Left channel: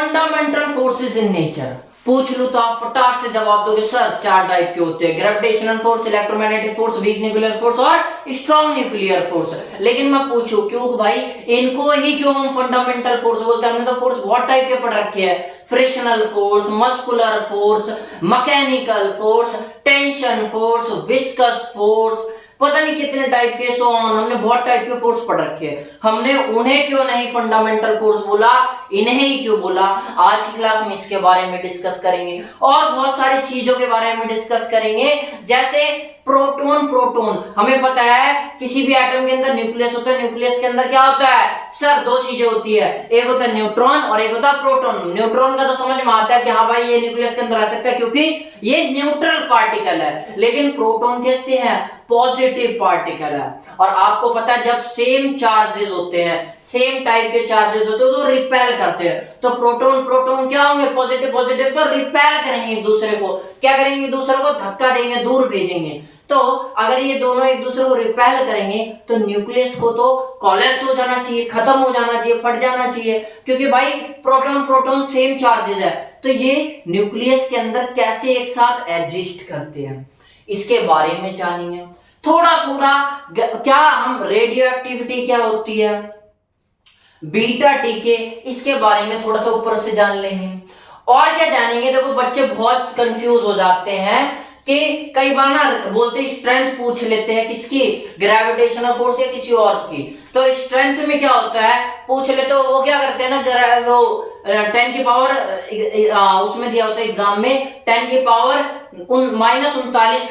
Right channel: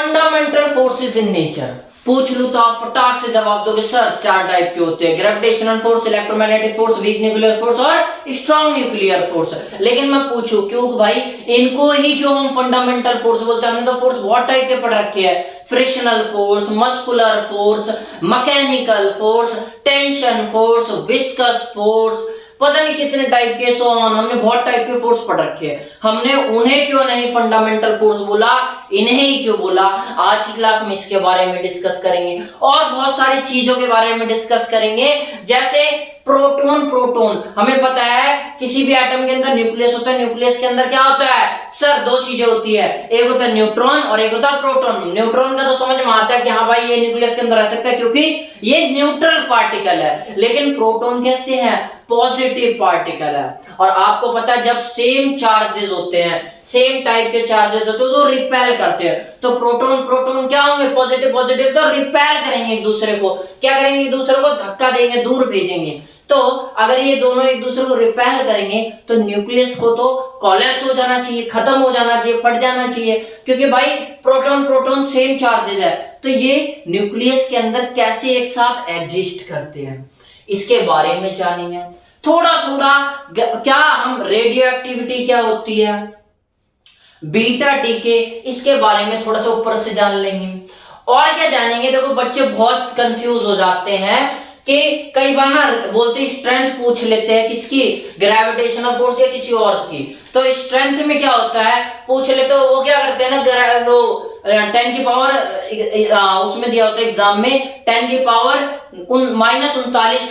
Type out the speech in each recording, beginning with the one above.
Fundamental forces in nature पूछ लूं तो आप फटाक से जवाब दोगे सर 4 टाइप के होते हैं, gravitational force, electromagnetic force, weak nuclear force और स्ट्रॉन्ग न्यूक्लियर फोर्स। लेकिन मैं पूछूं क्यों भाई इनको ही क्यों हम फंडामेंटल फोर्स बोलते हैं? हमने तो फोर्स बहुत टाइप के पढ़ रखे हैं, frictional force, muscular force, mechanical force, tension force, viscous force, पता नहीं कितने टाइप के, सो ऑन, हमने बहुत टाइप के फोर्स पढ़ रखे हैं। हमने उन्हें क्यों नहीं फंडामेंटल फोर्स बोला, इन्हें ही क्यों बोला? आज की क्लास में इसके बारे में डिस्कस करेंगे और बहुत सारी चीजों के बारे में डिस्कस करेंगे, जैसे प्रोटॉन। हमें पता है किसी भी एटम के अंदर न्यूक्लियस होता है, न्यूक्लियस के अंदर क्या होता है सर? 2 चीजें होती है, एक होता है न्यूट्रॉन और एक होता है प्रोटॉन। न्यूट्रॉन का तो समझ में आता है कि हाँ भाई ये न्यूक्लियस के अंदर रह सकता है क्योंकि ये न्यूट्रल पार्टिकल है। लेकिन प्रोटॉन कैसे है? पॉजिटिव पार्टिकल है। और आपको पता है जब सेम चार्जेस होते हैं, सेम टाइप के चार्जेस होते हैं तो रिपेल करते हैं। तो प्रोटॉन क्या होंगे? पॉजिटिव, तो रिपेल करेंगे एक दूसरे को। क्या करेंगे? एक दूसरे को धक्का देंगे, दूर भेजेंगे। तो अगर ये दोनों एक दूसरे को रिपेल करेंगे तो न्यूक्लियस को तो कोलैप्स हो जाना चाहिए, खत्म हो जाना चाहिए, फट जाना चाहिए, क्योंकि भाई प्रोटॉन सेम चार्जेस है। तो ये न्यूक्लियस के अंदर कैसे एक साथ एग्जिस्ट करते हैं इसके बारे में जानेंगे थोड़ा। क्या हम रेडियो एक्टिविटी क्या होती है, बीटा डीके, इसके बारे में थोड़ा सा ऊपर से जान लेंगे। और क्या जानेंगे? देखो बच्चे बहुत कंफ्यूज हो जाते हैं कि कई बार ना बोलते स्ट्रेंथ पूछ लेते हैं, किसकी? ग्रेविटेशनल फोर्स या किसी और की। तो स्ट्रेंथ में क्या होता है पूछ लेते हो, वो क्या करते हैं ना, वो 10 की पावर उसमें दिया होता है एग्जाम में 10 की पावर -39।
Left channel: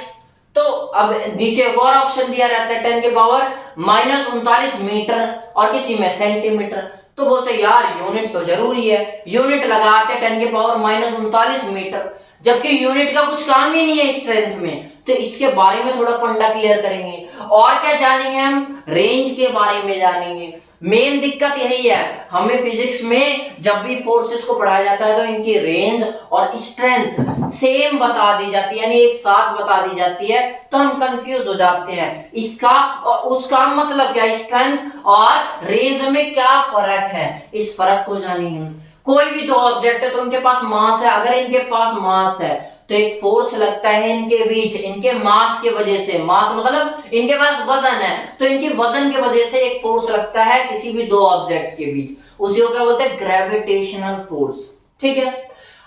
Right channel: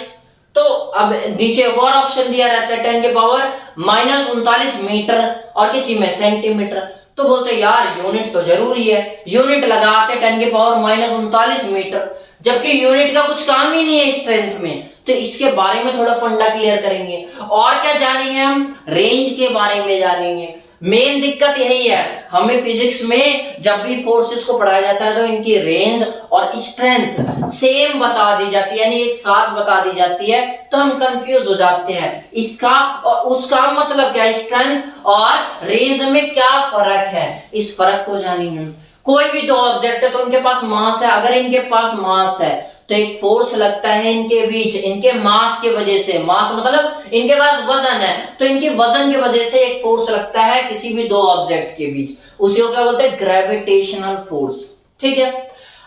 तो अब नीचे एक और ऑप्शन दिया रहता है 10 की पावर -39 मीटर और किसी में सेंटीमीटर। तो बोलते यार यूनिट तो जरूरी है, यूनिट लगाते 10 की पावर -39 मीटर, जबकि यूनिट का कुछ काम ही नहीं है स्ट्रेंथ में। तो इसके बारे में थोड़ा फंडा क्लियर करेंगे। और क्या जानेंगे? हम रेंज के बारे में जानेंगे। मेन दिक्कत यही है, हमें फिजिक्स में जब भी फोर्सेस को पढ़ाया जाता है तो इनकी रेंज और स्ट्रेंथ सेम बता दी जाती है, यानी एक साथ बता दी जाती है, तो हम कंफ्यूज हो जाते हैं इसका और उसका मतलब क्या, स्ट्रेंथ और रेंज में क्या फर्क है, इस फर्क को जानेंगे। कोई भी 2 ऑब्जेक्ट है तो उनके पास मास है, अगर इनके पास मास है तो एक फोर्स लगता है इनके बीच, इनके मास की वजह से। मास मतलब इनके पास वजन है, तो इनके वजन की वजह से एक फोर्स लगता है किसी भी 2 ऑब्जेक्ट के बीच, उसी को क्या बोलते हैं? Gravitational force. ठीक है।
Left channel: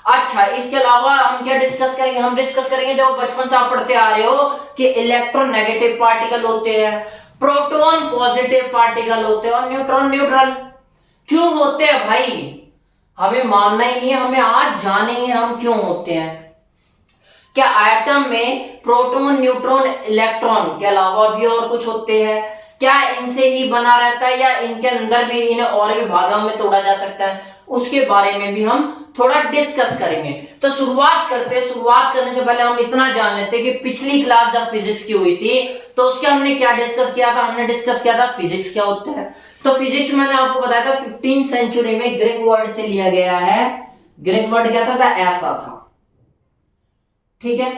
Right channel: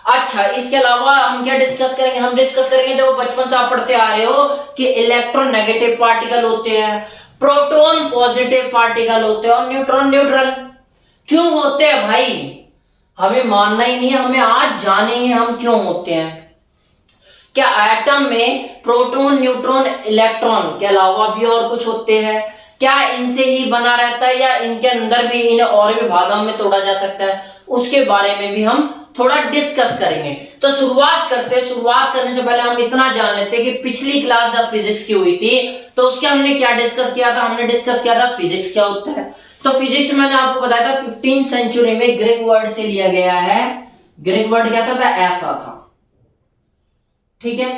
अच्छा, इसके अलावा हम क्या डिस्कस करेंगे? हम डिस्कस करेंगे, देखो बचपन से आप पढ़ते आ रहे हो कि इलेक्ट्रोनेगेटिव पार्टिकल होते हैं, प्रोटॉन पॉजिटिव पार्टिकल होते हैं और न्यूट्रॉन न्यूट्रल। क्यों होते हैं भाई? हमें मानना ही नहीं है, हमें आज जानेंगे हम क्यों होते हैं। क्या एटम में प्रोटॉन, न्यूट्रॉन, इलेक्ट्रॉन के अलावा भी और कुछ होते हैं? क्या इनसे ही बना रहता है या इनके अंदर भी इन्हें और भी भागों में तोड़ा जा सकता है? उसके बारे में भी हम थोड़ा डिस्कस करेंगे। तो शुरुआत करने से पहले हम इतना जान लेते हैं कि पिछली क्लास जब फिजिक्स की हुई थी तो उसके हमने क्या डिस्कस किया था? हमने डिस्कस किया था फिजिक्स क्या होता है। तो फिजिक्स मैंने आपको बताया था 15th सेंचुरी में ग्रीक वर्ड से लिया गया है। ग्रीक वर्ड कैसा था? ऐसा था। ठीक है,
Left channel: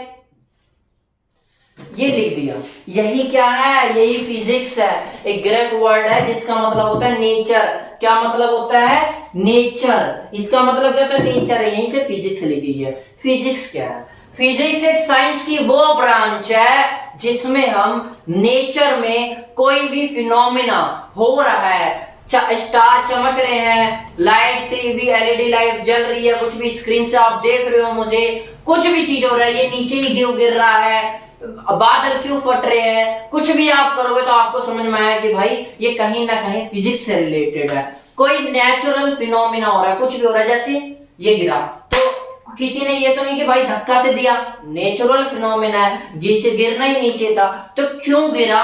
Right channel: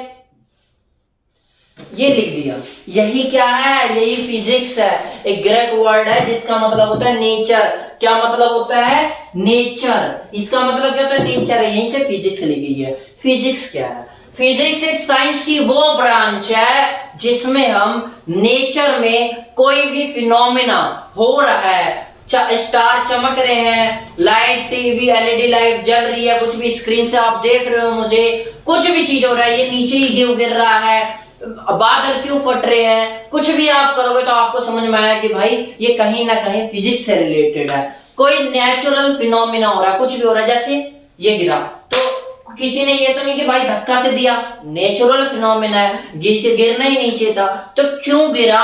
ये लिख दिया। यही क्या है? यही फिजिक्स है। एक ग्रीक वर्ड है जिसका मतलब होता है नेचर। क्या मतलब होता है? नेचर। इसका मतलब क्या होता है? नेचर है। यहीं से फिजिक्स ली गई है। फिजिक्स क्या है? फिजिक्स एक साइंस की वो ब्रांच है जिसमें हम नेचर में कोई भी फिनोमिना हो रहा है, स्टार चमक रहे हैं, लाइट, टीवी, एलईडी लाइट जल रही है, कुछ भी स्क्रीन से आप देख रहे हो, मुझे कुछ भी चीज हो रहा है, ये नीचे ही गिर रहा है, बादल क्यों फट रहे हैं, कुछ भी आप करोगे तो आपको समझ में आया कि भाई ये कहीं ना कहीं फिजिक्स से रिलेटेड है। कोई नेचुरल फिनोमिना हो रहा है, कुछ भी हो रहा है, जैसे ये गिरा तो किसी ने ये तो नहीं कि भाई धक्का से दिया, नेचुरल फिनोमिना है, गिरना ही नीचे था, तो क्यों गिरा,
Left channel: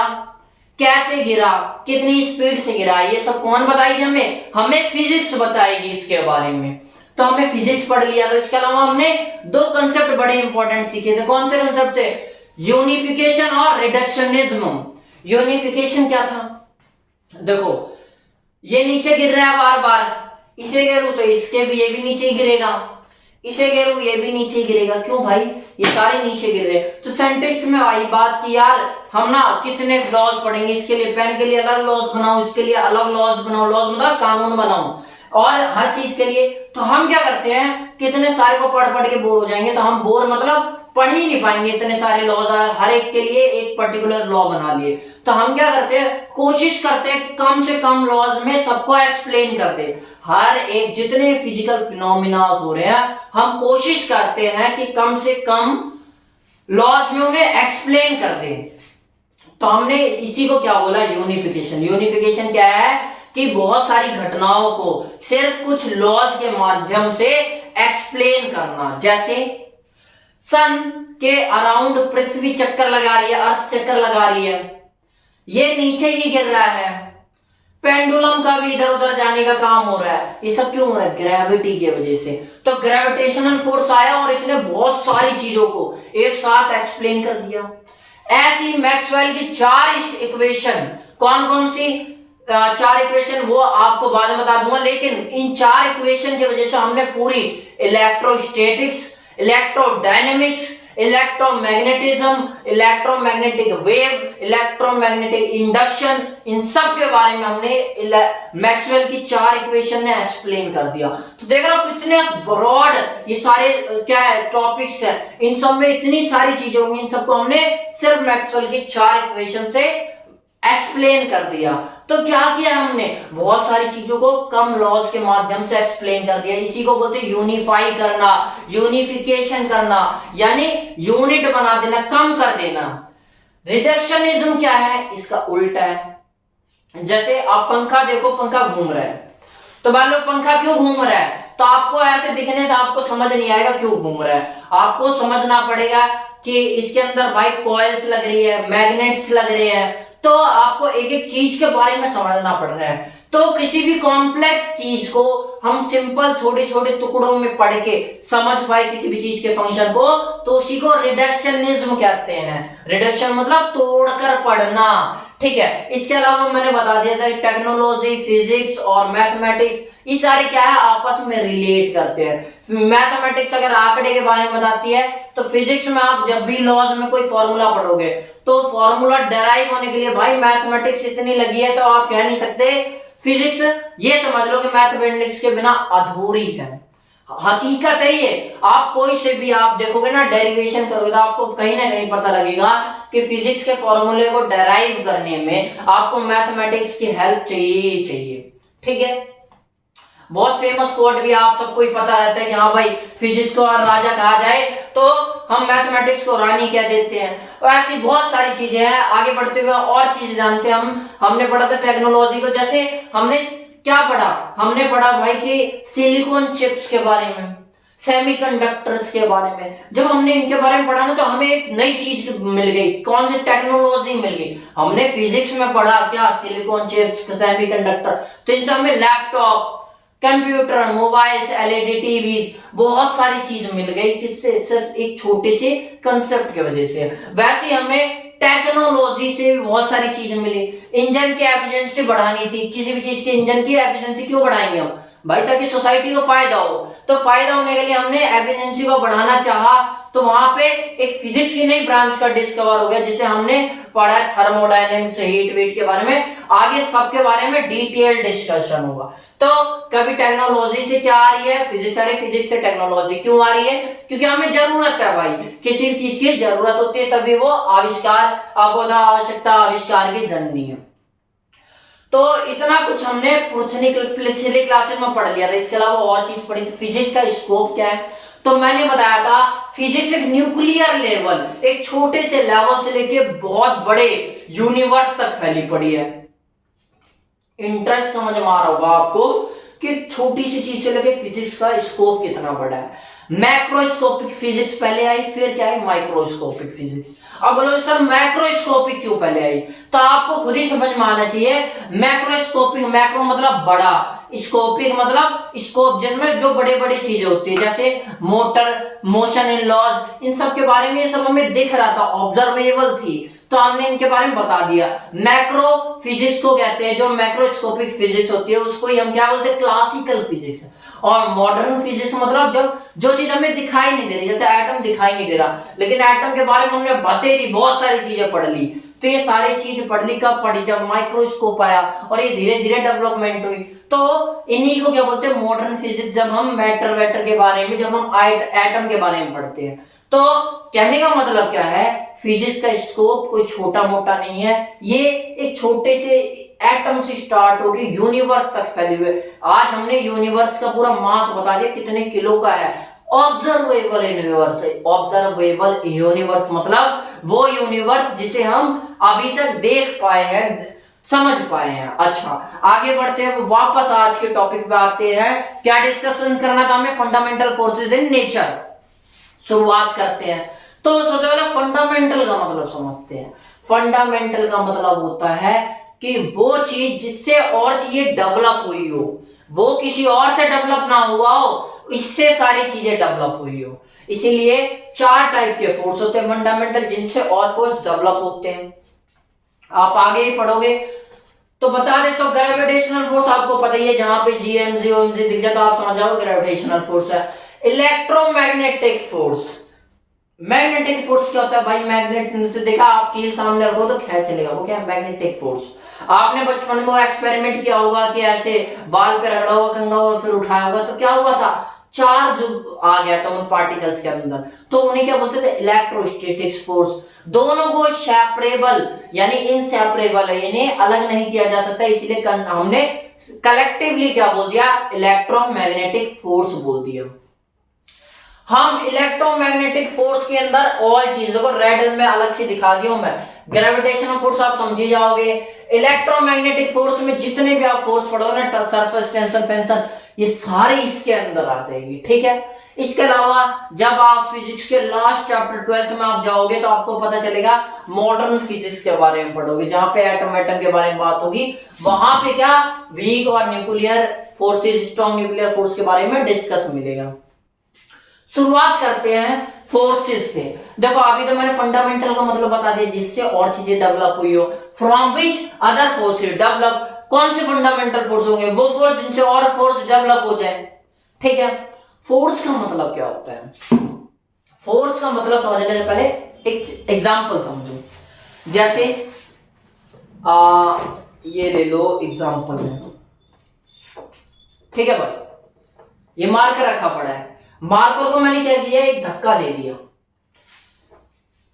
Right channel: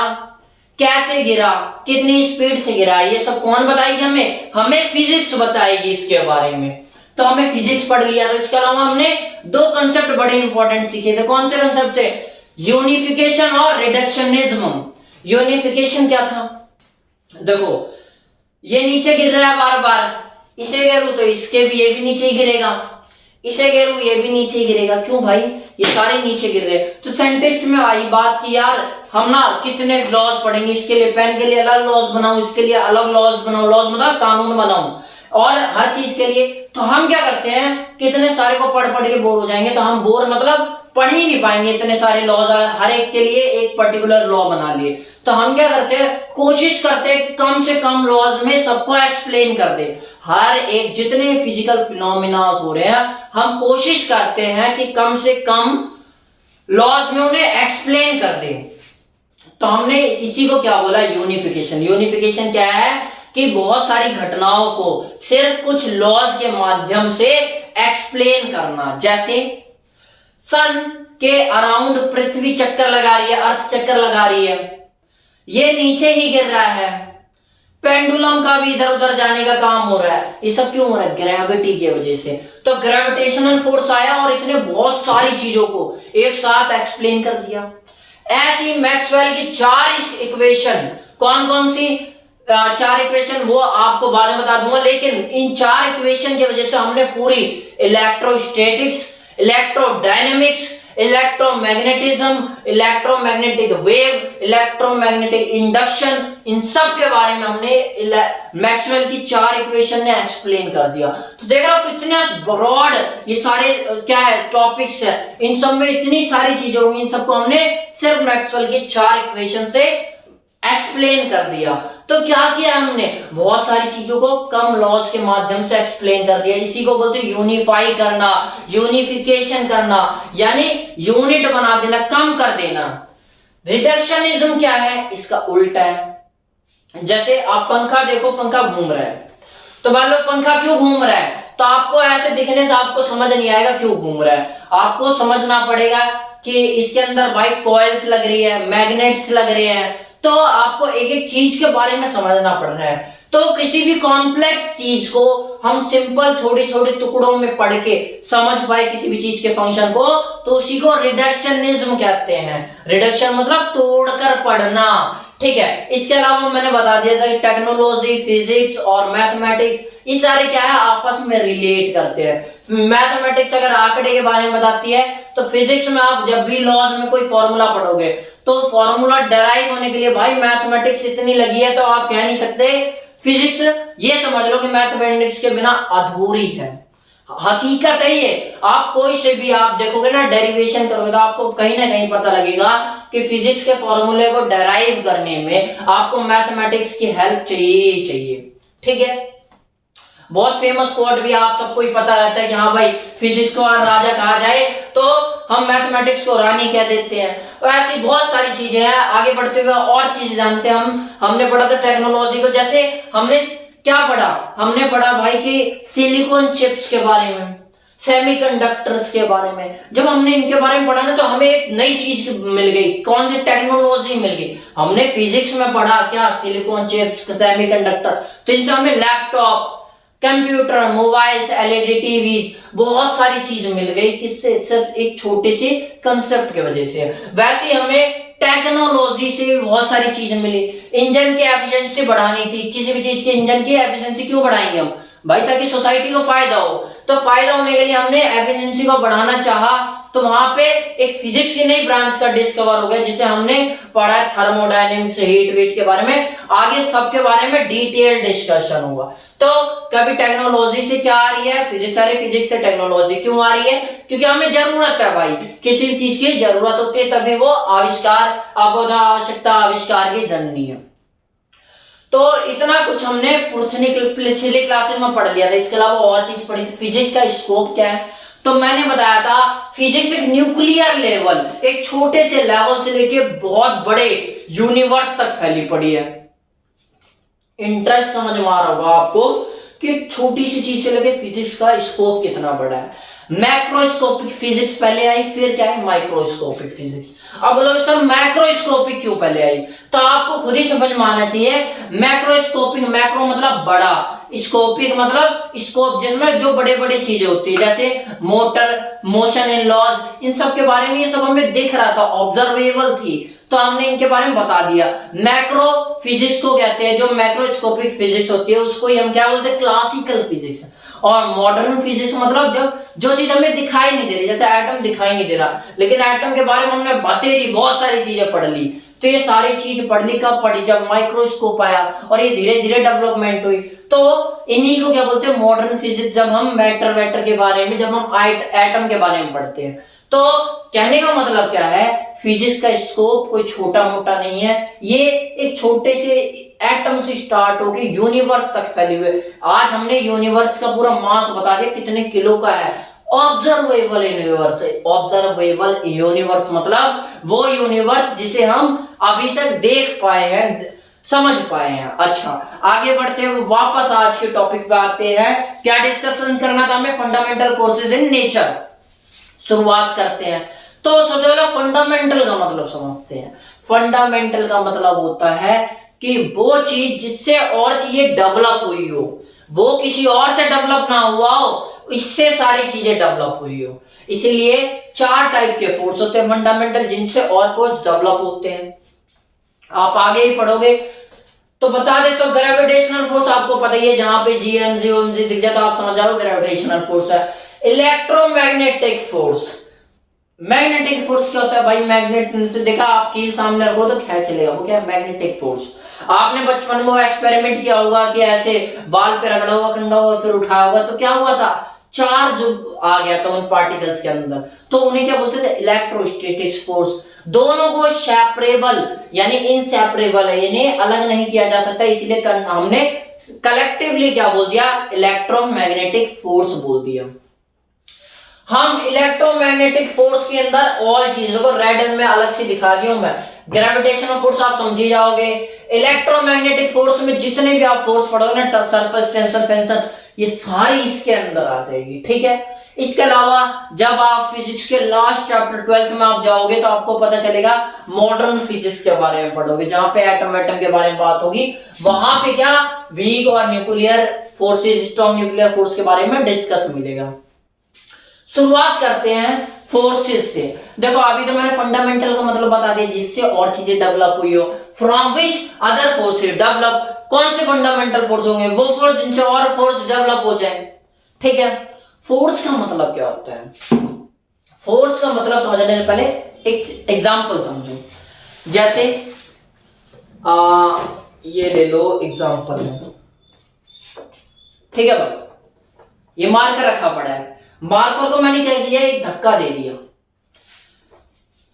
कैसे गिरा, कितनी स्पीड से गिरा, ये सब कौन बताएगी? हमें फिजिक्स बताएगी इसके बारे में। तो हमें फिजिक्स पढ़ लिया। तो इसके अलावा हमने 2 कंसेप्ट बड़े इंपॉर्टेंट सीखे थे। कौन से कंसेप्ट थे? यूनिफिकेशन और रिडक्शनिज्म। यूनिफिकेशन क्या था? देखो ये नीचे गिर रहा है बार बार, इसे गिरू तो इसके भी ये भी नीचे ही गिरेगा, इसे गिरू ये भी नीचे ही गिरेगा। क्यों भाई? ये सारे नीचे गिर रहे हैं। तो साइंटिस्ट में आई बात की यार हम ना कितने लॉज पढ़ेंगे, इसके लिए पेन के लिए अलग लॉज बनाओ, इसके लिए अलग लॉज बनाओ, लॉज मतलब कानून बनाओ, और हर चीज के लिए। तो हम क्या करते हैं, कितने सारे को पढ़ पढ़ के बोर हो जाएंगे, तो हम बोर मतलब पढ़ ही नहीं पाएंगे, इतने सारे लॉज हर एक के लिए एक पर्टिकुलर लॉ बना लिए। तो हम क्या करते हैं, कोशिश करते हैं कि कम से कम लॉज में सबको एक्सप्लेन कर दे। हर एक जितने फिजिकल फिनोमिना हो रहे हैं, हम कोशिश करते हैं कि कम से कम लॉज में उन्हें एक्सप्लेन कर दे। तो हमने इसी को क्या बोला, यूनिफिकेशन। यूनिफिकेशन क्या है कि बहुत सारी घटनाओं को सिर्फ कुछ लॉज के माध्यम से एक्सप्लेन करना। जैसे सन के अराउंड पृथ्वी चक्कर लगा रही है, अर्थ चक्कर लगा रही है, ये नीचे ही गिर रहा है। पेंडुलम का भी इधर उधर जाने का काम हो रहा है। ये सब क्यों हो रहा है, ग्रेविटी की वजह से। तो ग्रेविटेशनल फोर्स आया और इसने बहुत सारी चीजों को एक साथ एक्सप्लेन कर दिया। ऐसी मैक्सवेल की 4 इक्वेशन, कौन कौन सी 4 इक्वेशन वो आपको बाद में बता दूंगा, लेकिन इन 4 इक्वेशन की वजह से हमने पूरी electrostatics, electrodynamics, electromagnetism, electromagnetic wave, electromagnetic induction, इन सब के बारे में हमने मैक्सवेल की 4 इक्वेशन ने एक्सप्लेन कर दिया। तो देख रहे हो कितने ब्रॉड ये सारे क्या है टॉपिक्स है, इन सब में इतनी सारी चीजें होंगी, इन सबको हमने सिर्फ मैक्सवेल की 4 इक्वेशन से एक्सप्लेन कर दिया। तो क्या किया हमने, बहुत सारी चीजों को कम लॉज के माध्यम से एक्सप्लेन कर दिया। इसी को बोलते हैं यूनिफाई करना, यूनिफिकेशन करना, यानी यूनिट बना देना, कम कर देना। रिडक्शनिज्म क्या है, इसका उल्टा है। जैसे आप पंखा देखो, पंखा घूम रहा है, तो मान लो पंखा क्यों घूम रहा है, तो आपको ऐसे दिखने से आपको समझ नहीं आएगा क्यों घूम रहा है। आपको समझना पड़ेगा कि इसके अंदर भाई कॉइल्स लग रही है, मैग्नेट्स लग रहे हैं, तो आपको एक एक चीज के बारे में समझना पड़ रहा है। तो किसी भी कॉम्प्लेक्स चीज को हम सिंपल थोड़े छोटे टुकड़ों में पढ़ के समझ पाए किसी भी चीज के फंक्शन को, तो उसी को रिडक्शनिज्म कहते हैं। रिडक्शन मतलब तोड़कर पढ़ना, ठीक है। इसके अलावा मैंने बता दिया था टेक्नोलॉजी, फिजिक्स और मैथमेटिक्स, ये सारे क्या है आपस में रिलेट करते हैं। मैथमेटिक्स अगर आंकड़े के बारे में बताती है, तो फिजिक्स में आप जब भी लॉज में कोई फॉर्मूला पढ़ोगे, तो फॉर्मूला डेराइव होने के लिए भाई मैथमेटिक्स इतनी लगी है, तो आप कह नहीं सकते फिजिक्स, ये समझ लो कि मैथमेटिक्स के बिना अधूरी है। हकीकत है ये। आप कोई से भी आप देखोगे ना, डेरिवेशन करोगे, तो आपको कहीं ना कहीं पता लगेगा कि फिजिक्स के फॉर्मूले को डेराइव करने में आपको मैथमेटिक्स की हेल्प चाहिए ही चाहिए, ठीक है। बहुत फेमस कोट भी आप सबको ही पता रहता है कि हाँ भाई फिजिक्स को राजा कहा जाए तो हम मैथमेटिक्स को रानी कह देते हैं। तो ऐसी बहुत सारी चीजें हैं। आगे बढ़ते हुए और चीज जानते हैं हमने पढ़ा था टेक्नोलॉजी को। जैसे हमने क्या पढ़ा, हमने पढ़ा भाई कि सिलिकॉन चिप्स के बारे में, सेमीकंडक्टर्स के बारे में। जब हमने इनके बारे में पढ़ा ना, तो हमें एक नई चीज मिल गई, कौन सी, टेक्नोलॉजी मिल गई। हमने फिजिक्स में पढ़ा क्या, सिलिकॉन चिप्स, सेमीकंडक्टर, तो इनसे हमें laptop, computer, mobiles, LED TVs, बहुत सारी चीज मिल गई। किससे, सिर्फ एक छोटे से कंसेप्ट की वजह से। वैसे हमें टेक्नोलॉजी से भी बहुत सारी चीजें मिली। इंजन की एफिशिएंसी बढ़ानी थी, किसी भी चीज के इंजन की एफिशिएंसी क्यों बढ़ाएंगे हम भाई, ताकि सोसाइटी को फायदा हो। तो फायदा होने के लिए हमने एफिशिएंसी को बढ़ाना चाहा, तो वहां पे एक फिजिक्स की नई ब्रांच का डिस्कवर हो गया, जिसे हमने पढ़ा थर्मोडायनेमिक्स, हीट वेट के बारे में। आगे सबके बारे में डिटेल डिस्कशन होगा। तो कभी टेक्नोलॉजी से क्या आ रही है, फिजिक्स आ रही है, फिजिक्स से टेक्नोलॉजी क्यों आ रही है, क्योंकि हमें जरूरत है भाई, किसी भी चीज की जरूरत होती है तभी वो आविष्कार, आपको आवश्यकता आविष्कार की जननी है। तो इतना कुछ हमने पिछली क्लासेस में पढ़ लिया था। इसके अलावा और चीज पढ़ी थी, फिजिक्स का स्कोप क्या है। तो मैंने बताया था फिजिक्स एक न्यूक्लियर लेवल, एक छोटे से लेवल से लेके बहुत बड़े यूनिवर्स तक फैली पड़ी है। इंटरेस्ट समझ में आ रहा होगा आपको कि छोटी सी चीज से लेके फिजिक्स का स्कोप कितना बड़ा है। मैक्रोस्कोपिक फिजिक्स पहले आई, फिर क्या है माइक्रोस्कोपिक फिजिक्स। अब बोलो सर मैक्रोस्कोपिक क्यों पहले आई, तो आपको खुद ही समझ में आना चाहिए। मैक्रोस्कोपिक, मैक्रो मतलब बड़ा, स्कोपिक मतलब स्कोप, जिसमें जो बड़े बड़े चीजें होती है, जैसे मोटर, मोशन इन लॉज, इन सब के बारे में ये सब हमें दिख रहा था, ऑब्जर्वेबल थी, तो हमने इनके बारे में बता दिया। मैक्रो फिजिक्स को कहते हैं, जो मैक्रोस्कोपिक फिजिक्स होती है उसको ही हम क्या बोलते हैं, क्लासिकल फिजिक्स। और मॉडर्न फिजिक्स मतलब जब जो चीज हमें दिखाई नहीं दे रही, जैसे एटम दिखाई नहीं दे रहा, लेकिन एटम के बारे में हमने बतेरी बहुत सारी चीजें पढ़ ली, तो ये सारी चीज पढ़ कब पढ़ी, जब माइक्रोस्कोप आया और ये धीरे धीरे डेवलपमेंट हुई। तो इन्हीं को क्या बोलते हैं, मॉडर्न फिजिक्स। जब हम मैटर वेटर के बारे में, जब हम एटम के बारे में पढ़ते हैं, तो कहने का मतलब क्या है, फिजिक्स का स्कोप कोई छोटा मोटा नहीं है। ये एक छोटे से एटम से स्टार्ट होकर यूनिवर्स तक फैले हुए। आज हमने यूनिवर्स का पूरा मास बता दिया कितने किलो का है। ऑब्जर्वेबल यूनिवर्स है, ऑब्जर्वेबल यूनिवर्स मतलब वो यूनिवर्स जिसे हम अभी तक देख पाए हैं, समझ पाए हैं। अच्छा, आगे बढ़ते हैं, वापस आज के टॉपिक पे आते हैं। क्या डिस्कशन करना था हमें, फंडामेंटल फोर्सेस इन नेचर। शुरुआत करते हैं। तो सबसे पहले फंडामेंटल का मतलब समझते हैं। फंडामेंटल का मतलब होता है कि वो चीज जिससे और चीजें डेवलप हुई हो, वो किसी और से डेवलप ना हुआ हो, इससे सारी चीजें डेवलप हुई हो। इसीलिए 4 टाइप के फोर्स होते हैं फंडामेंटल, जिनसे और फोर्स डेवलप होते हैं। आप आगे ही पढ़ोगे तो बता दे, तो ग्रेविटेशनल फोर्स आपको पता ही है, जहां पे जीएमजी ओएमजी दिख जाए तो आप समझ जाओ ग्रेविटेशनल फोर्स है। इलेक्ट्रोमैग्नेटिक फोर्स, मैग्नेटिक फोर्स क्या होता है भाई, मैग्नेट से देखा, आप कील सामने रखो तो खींच चलेगा, वो क्या है, मैग्नेटिक फोर्स। आपने बचपन में वो एक्सपेरिमेंट किया होगा कि ऐसे बाल पे रगड़ा होगा कंगा होगा, फिर उठाया होगा, तो क्या हुआ था, चार्ज आ गया था उन पार्टिकल्स के अंदर, तो उन्हें क्या बोलते थे, इलेक्ट्रोस्टैटिक्स फोर्स। दोनों को सेपरेबल यानी इनसेपरेबल है, इन्हें अलग नहीं किया जा सकता, इसलिए हमने कलेक्टिवली क्या बोल दिया, इलेक्ट्रोमैग्नेटिक फोर्स बोल दिया। हम इलेक्ट्रोमैग्नेटिक फोर्स के अंदर और चीजों को रेड में अलग से दिखा दिया हूं मैं। ग्रेविटेशनल फोर्स आप समझ ही जाओगे। इलेक्ट्रोमैग्नेटिक फोर्स में जितने भी आप फोर्स पढ़ोगे ना, सरफेस टेंशन फेंशन, ये सारी इसके अंदर आ जाएगी, ठीक है। इसके अलावा जब आप फिजिक्स के लास्ट चैप्टर 12th में आप जाओगे तो आपको पता चलेगा मॉडर्न फिजिक्स के बारे में पढ़ोगे, जहां पे एटम एटम के बारे में बात होगी। वहां पे क्या, वीक और nuclear forces, strong nuclear force के बारे में डिस्कस मिलेगा। शुरुआत करते हैं फोर्सेस से। देखो अभी तो मैंने फंडामेंटल का मतलब बता दिया, जिससे और चीजें डेवलप हुई हो। From which other forces develop, कौन से फंडामेंटल फोर्स होंगे, वो फोर्स जिनसे और फोर्स डेवलप हो जाए, ठीक है। फोर्स का मतलब क्या होता है, फोर्स का मतलब समझने से पहले एक एग्जांपल समझो। जैसे ये ले लो एग्जांपल में, ठीक है भाई, ये मार्कर रखा पड़ा है, मार्कर को मैंने क्या किया, एक धक्का दे दिया।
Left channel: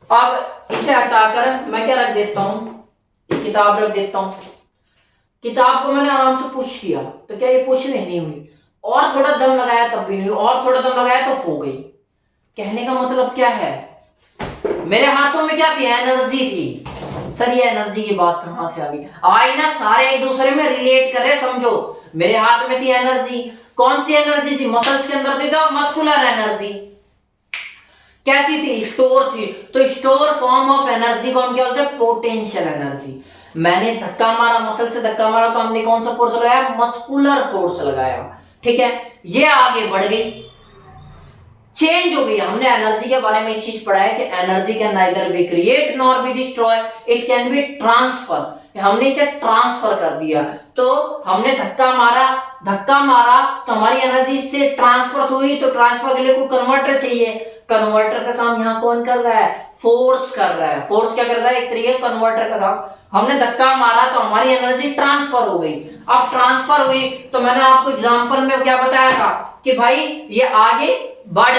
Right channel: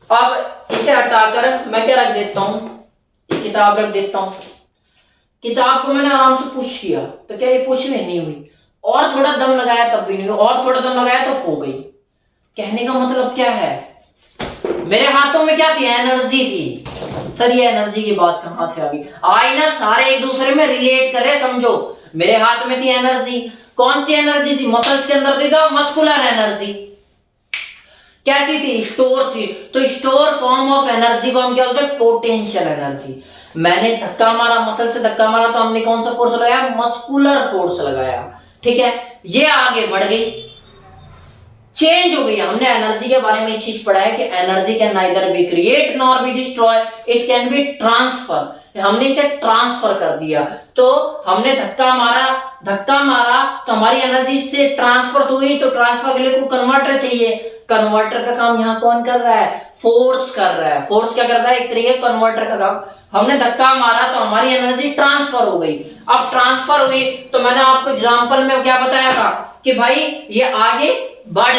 अब इसे हटाकर मैं क्या रख देता हूं, एक किताब रख देता हूं। किताब को मैंने आराम से पुश किया, तो क्या ये पुश नहीं हुई, और थोड़ा दम लगाया तब भी नहीं हुई, और थोड़ा दम लगाया तो हो गई। कहने का मतलब क्या है, मेरे हाथों में क्या थी, एनर्जी थी। सर ये एनर्जी की बात कहां से आ गई, आई ना, सारे एक दूसरे में रिलेट कर रहे, समझो। मेरे हाथ में थी एनर्जी, कौन सी एनर्जी थी, मसल्स के अंदर थी, तो मस्कुलर एनर्जी। कैसी थी, स्टोर थी, तो स्टोर फॉर्म ऑफ एनर्जी को हम क्या बोलते हैं, पोटेंशियल एनर्जी। मैंने धक्का मारा, मसल से धक्का मारा, तो हमने कौन सा फोर्स लगाया, मस्कुलर फोर्स लगाया, ठीक है। ये आगे बढ़ गई, चेंज हो गई। हमने एनर्जी के बारे में एक चीज पढ़ा है कि energy can neither be create nor be destroy, it can be transfer. हमने इसे ट्रांसफर कर दिया, तो हमने धक्का मारा तो हमारी एनर्जी से ट्रांसफर हुई, तो ट्रांसफर के लिए कोई कन्वर्टर चाहिए। कन्वर्टर का काम यहाँ कौन कर रहा है, फोर्स कर रहा है। फोर्स क्या कर रहा है, एक तरीके कन्वर्टर का काम। हमने धक्का मारा तो हमारी एनर्जी ट्रांसफर हो गई। अब ट्रांसफर हुई तो मैंने आपको एग्जांपल में क्या बताया था कि भाई ये आगे बढ़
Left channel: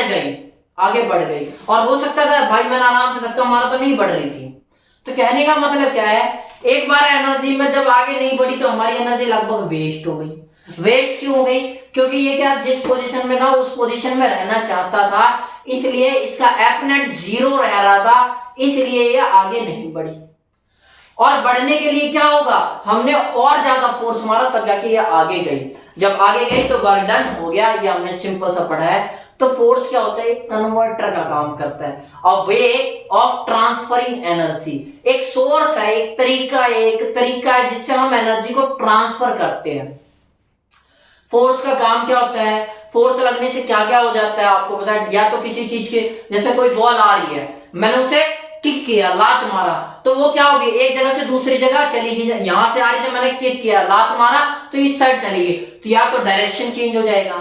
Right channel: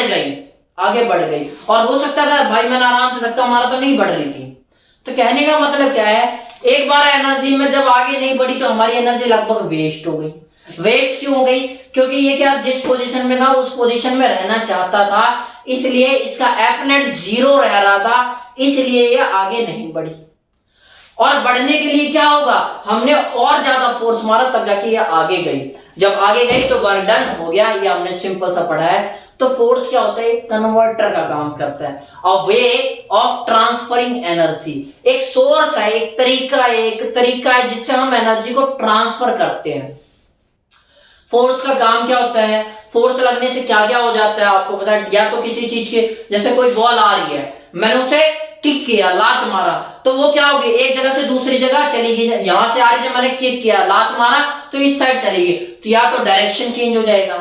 गई, और हो सकता था भाई मैंने आराम से धक्का मारा तो नहीं बढ़ रही थी। तो कहने का मतलब क्या है, एक बार एनर्जी में जब आगे नहीं बढ़ी तो हमारी एनर्जी लगभग वेस्ट हो गई। वेस्ट क्यों हो गई, क्योंकि ये क्या, जिस पोजीशन में था उस पोजीशन में रहना चाहता था, इसलिए इसका एफ नेट 0 रह रहा था, इसलिए ये आगे नहीं बढ़ी। और बढ़ने के लिए क्या होगा, हमने और ज्यादा फोर्स मारा तब जाके ये आगे गई। जब आगे गई तो वर्क डन हो गया, ये हमने सिंपल सा पढ़ा है। तो फोर्स क्या होता है, एक कन्वर्टर का काम करता है, अ वे ऑफ ट्रांसफरिंग एनर्जी। एक सोर्स है, एक तरीका है जिससे हम एनर्जी को ट्रांसफर करते हैं। फोर्स का काम क्या होता है, फोर्स लगने से क्या क्या हो जाता है आपको पता है। या तो किसी चीज के, जैसे कोई बॉल आ रही है, मैंने उसे किक किया, लात मारा, तो वो क्या होगी, एक जगह से दूसरी जगह चली गई। यहां से आ रही है, मैंने किक किया, लात मारा, तो इस साइड चलेगी, तो या तो डायरेक्शन चेंज हो जाएगा,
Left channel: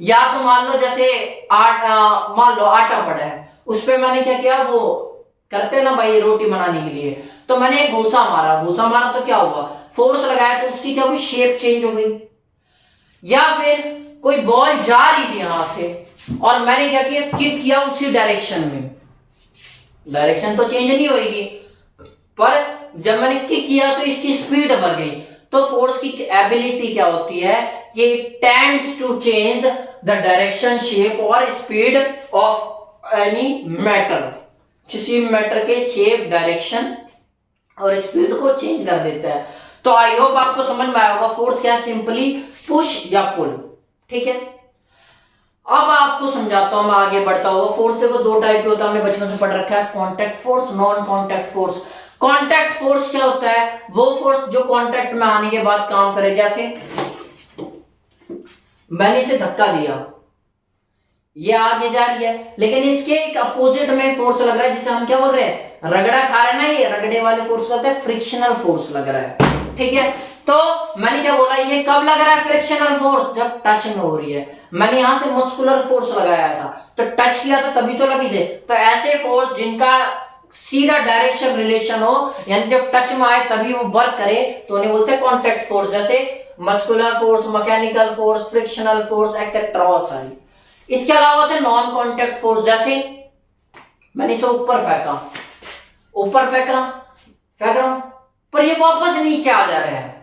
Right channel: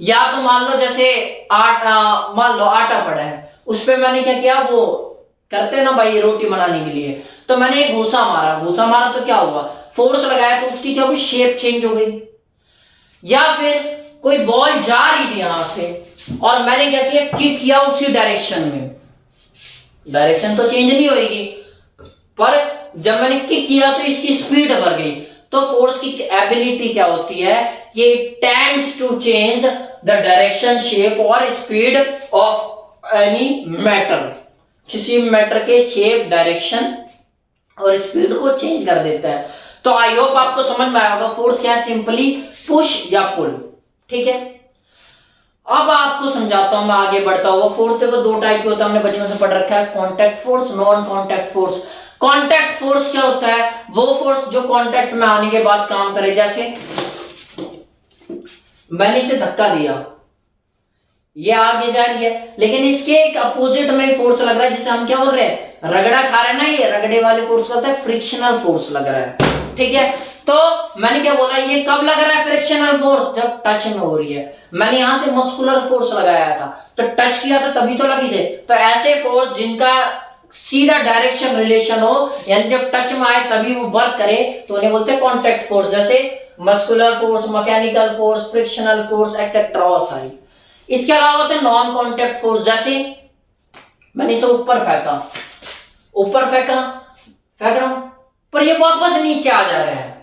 या तो मान लो जैसे मान लो आटा पड़ा है, उस पर मैंने क्या किया, वो करते हैं ना भाई रोटी बनाने के लिए, तो मैंने एक घूसा मारा तो क्या हुआ, फोर्स लगाया तो उसकी क्या हुई, शेप चेंज हो गई। या फिर कोई बॉल जा रही थी यहां से और मैंने क्या किया, किक किया उसी डायरेक्शन में, डायरेक्शन तो चेंज नहीं होगी, पर जब मैंने किक किया तो इसकी स्पीड बढ़ गई। तो फोर्स की एबिलिटी क्या होती है, ये tends to change the direction, shape और स्पीड ऑफ एनी मैटर, किसी मैटर के शेप, डायरेक्शन और स्पीड को चेंज कर देता है। तो आई होप आपको समझ में आया होगा फोर्स क्या है, सिंपली पुश या पुल। ठीक है, अब आपको समझाता हूं मैं, आगे बढ़ता हुआ। फोर्स देखो दो टाइप के होता है, हमने बचपन से पढ़ रखा है, contact force, non contact force. Contact force क्या होता है, वो फोर्स जो कॉन्टैक्ट में आने के बाद काम करे। जैसे मैंने इसे धक्का दिया, ये आगे जा रही है, लेकिन इसके एक अपोजिट में फोर्स लग रहा है, जिसे हम क्या बोल रहे हैं, रगड़ा खा रहे हैं ना, ये रगड़े वाले फोर्स कहते हैं फ्रिक्शनल फोर्स लग रहा है। ठीक है, तो मैंने क्या बोला, ये कब लग रहा है फ्रिक्शनल फोर्स, जब टच में हो रही है। मैंने यहां से मस्कुलर फोर्स लगाया था, तो टच किया था तभी तो लगी थे। तो ऐसे फोर्स जिनका सीधा डायरेक्शन रिलेशन हो, यानी जब टच में आए तभी वो वर्क करे, तो उन्हें बोलते हैं कॉन्टैक्ट फोर्स। जैसे muscular force, mechanical force, frictional force etcetera, और सारी। इसके अलावा होते हैं नॉन कॉन्टैक्ट फोर्स। जैसे मैंने इसे ऊपर फेंका, फेंक रहा हूं, पर ये वापस नीचे आ जा रहा है।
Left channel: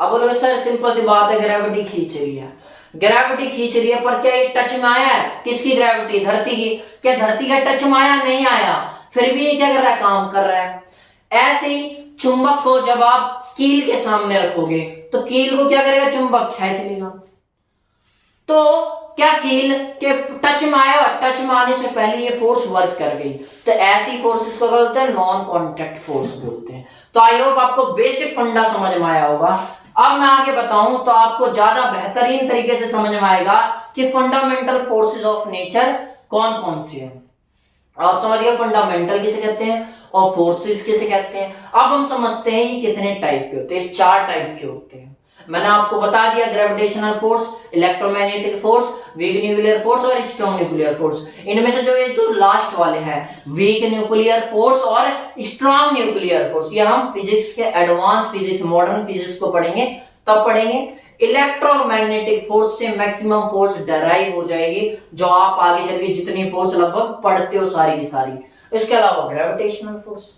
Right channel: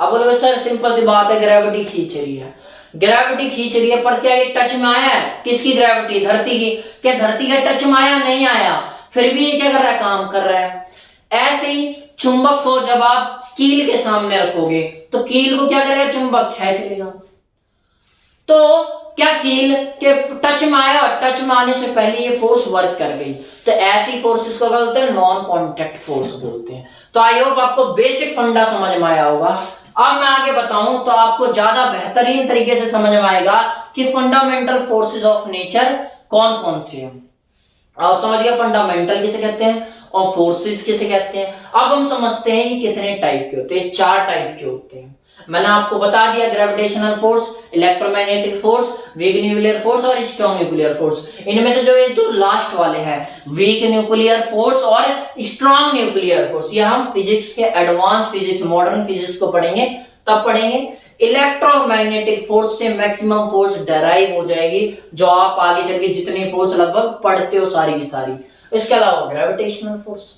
अब बोलोगे सर सिंपल सी बात है, ग्रेविटी खींच रही है, ग्रेविटी खींच रही है, पर क्या ये टच में आया है, किसकी ग्रेविटी, धरती की। क्या धरती का टच में आया, नहीं आया, फिर भी ये क्या कर रहा है, काम कर रहा है। ऐसे ही चुंबक को जब आप कील के सामने रखोगे तो कील को क्या करेगा, चुंबक खींच लेगा। तो क्या कील के टच में आया, टच में आने से पहले ये फोर्स वर्क कर गई, तो ऐसी फोर्सेस को क्या बोलते हैं, नॉन कॉन्टैक्ट फोर्स बोलते हैं। तो आई होप आपको बेसिक फंडा समझ में आया होगा। अब मैं आगे बताऊं तो आपको ज्यादा बेहतरीन तरीके से समझ में आएगा कि फंडामेंटल फोर्सेस ऑफ नेचर कौन कौन से हैं। आप समझ गए फंडामेंटल किसे कहते हैं और फोर्सेस किसे कहते हैं। अब हम समझते हैं ये कितने टाइप के होते हैं, 4 टाइप के होते हैं। मैंने आपको बता दिया, gravitational force, electromagnetic force, weak nuclear force और स्ट्रॉन्ग न्यूक्लियर फोर्स। इनमें से जो ये दो लास्ट वाले हैं, वीक न्यूक्लियर फोर्स और स्ट्रॉन्ग न्यूक्लियर फोर्स, ये हम फिजिक्स के एडवांस फिजिक्स, मॉडर्न फिजिक्स को पढ़ेंगे, तब पढ़ेंगे। इलेक्ट्रोमैग्नेटिक फोर्स से मैक्सिमम फोर्स डराइव हो जाएगी, जो आप आगे चल के जितनी फोर्स लगभग पढ़ते हो सारी की सारी। इसके अलावा ग्रेविटेशनल फोर्स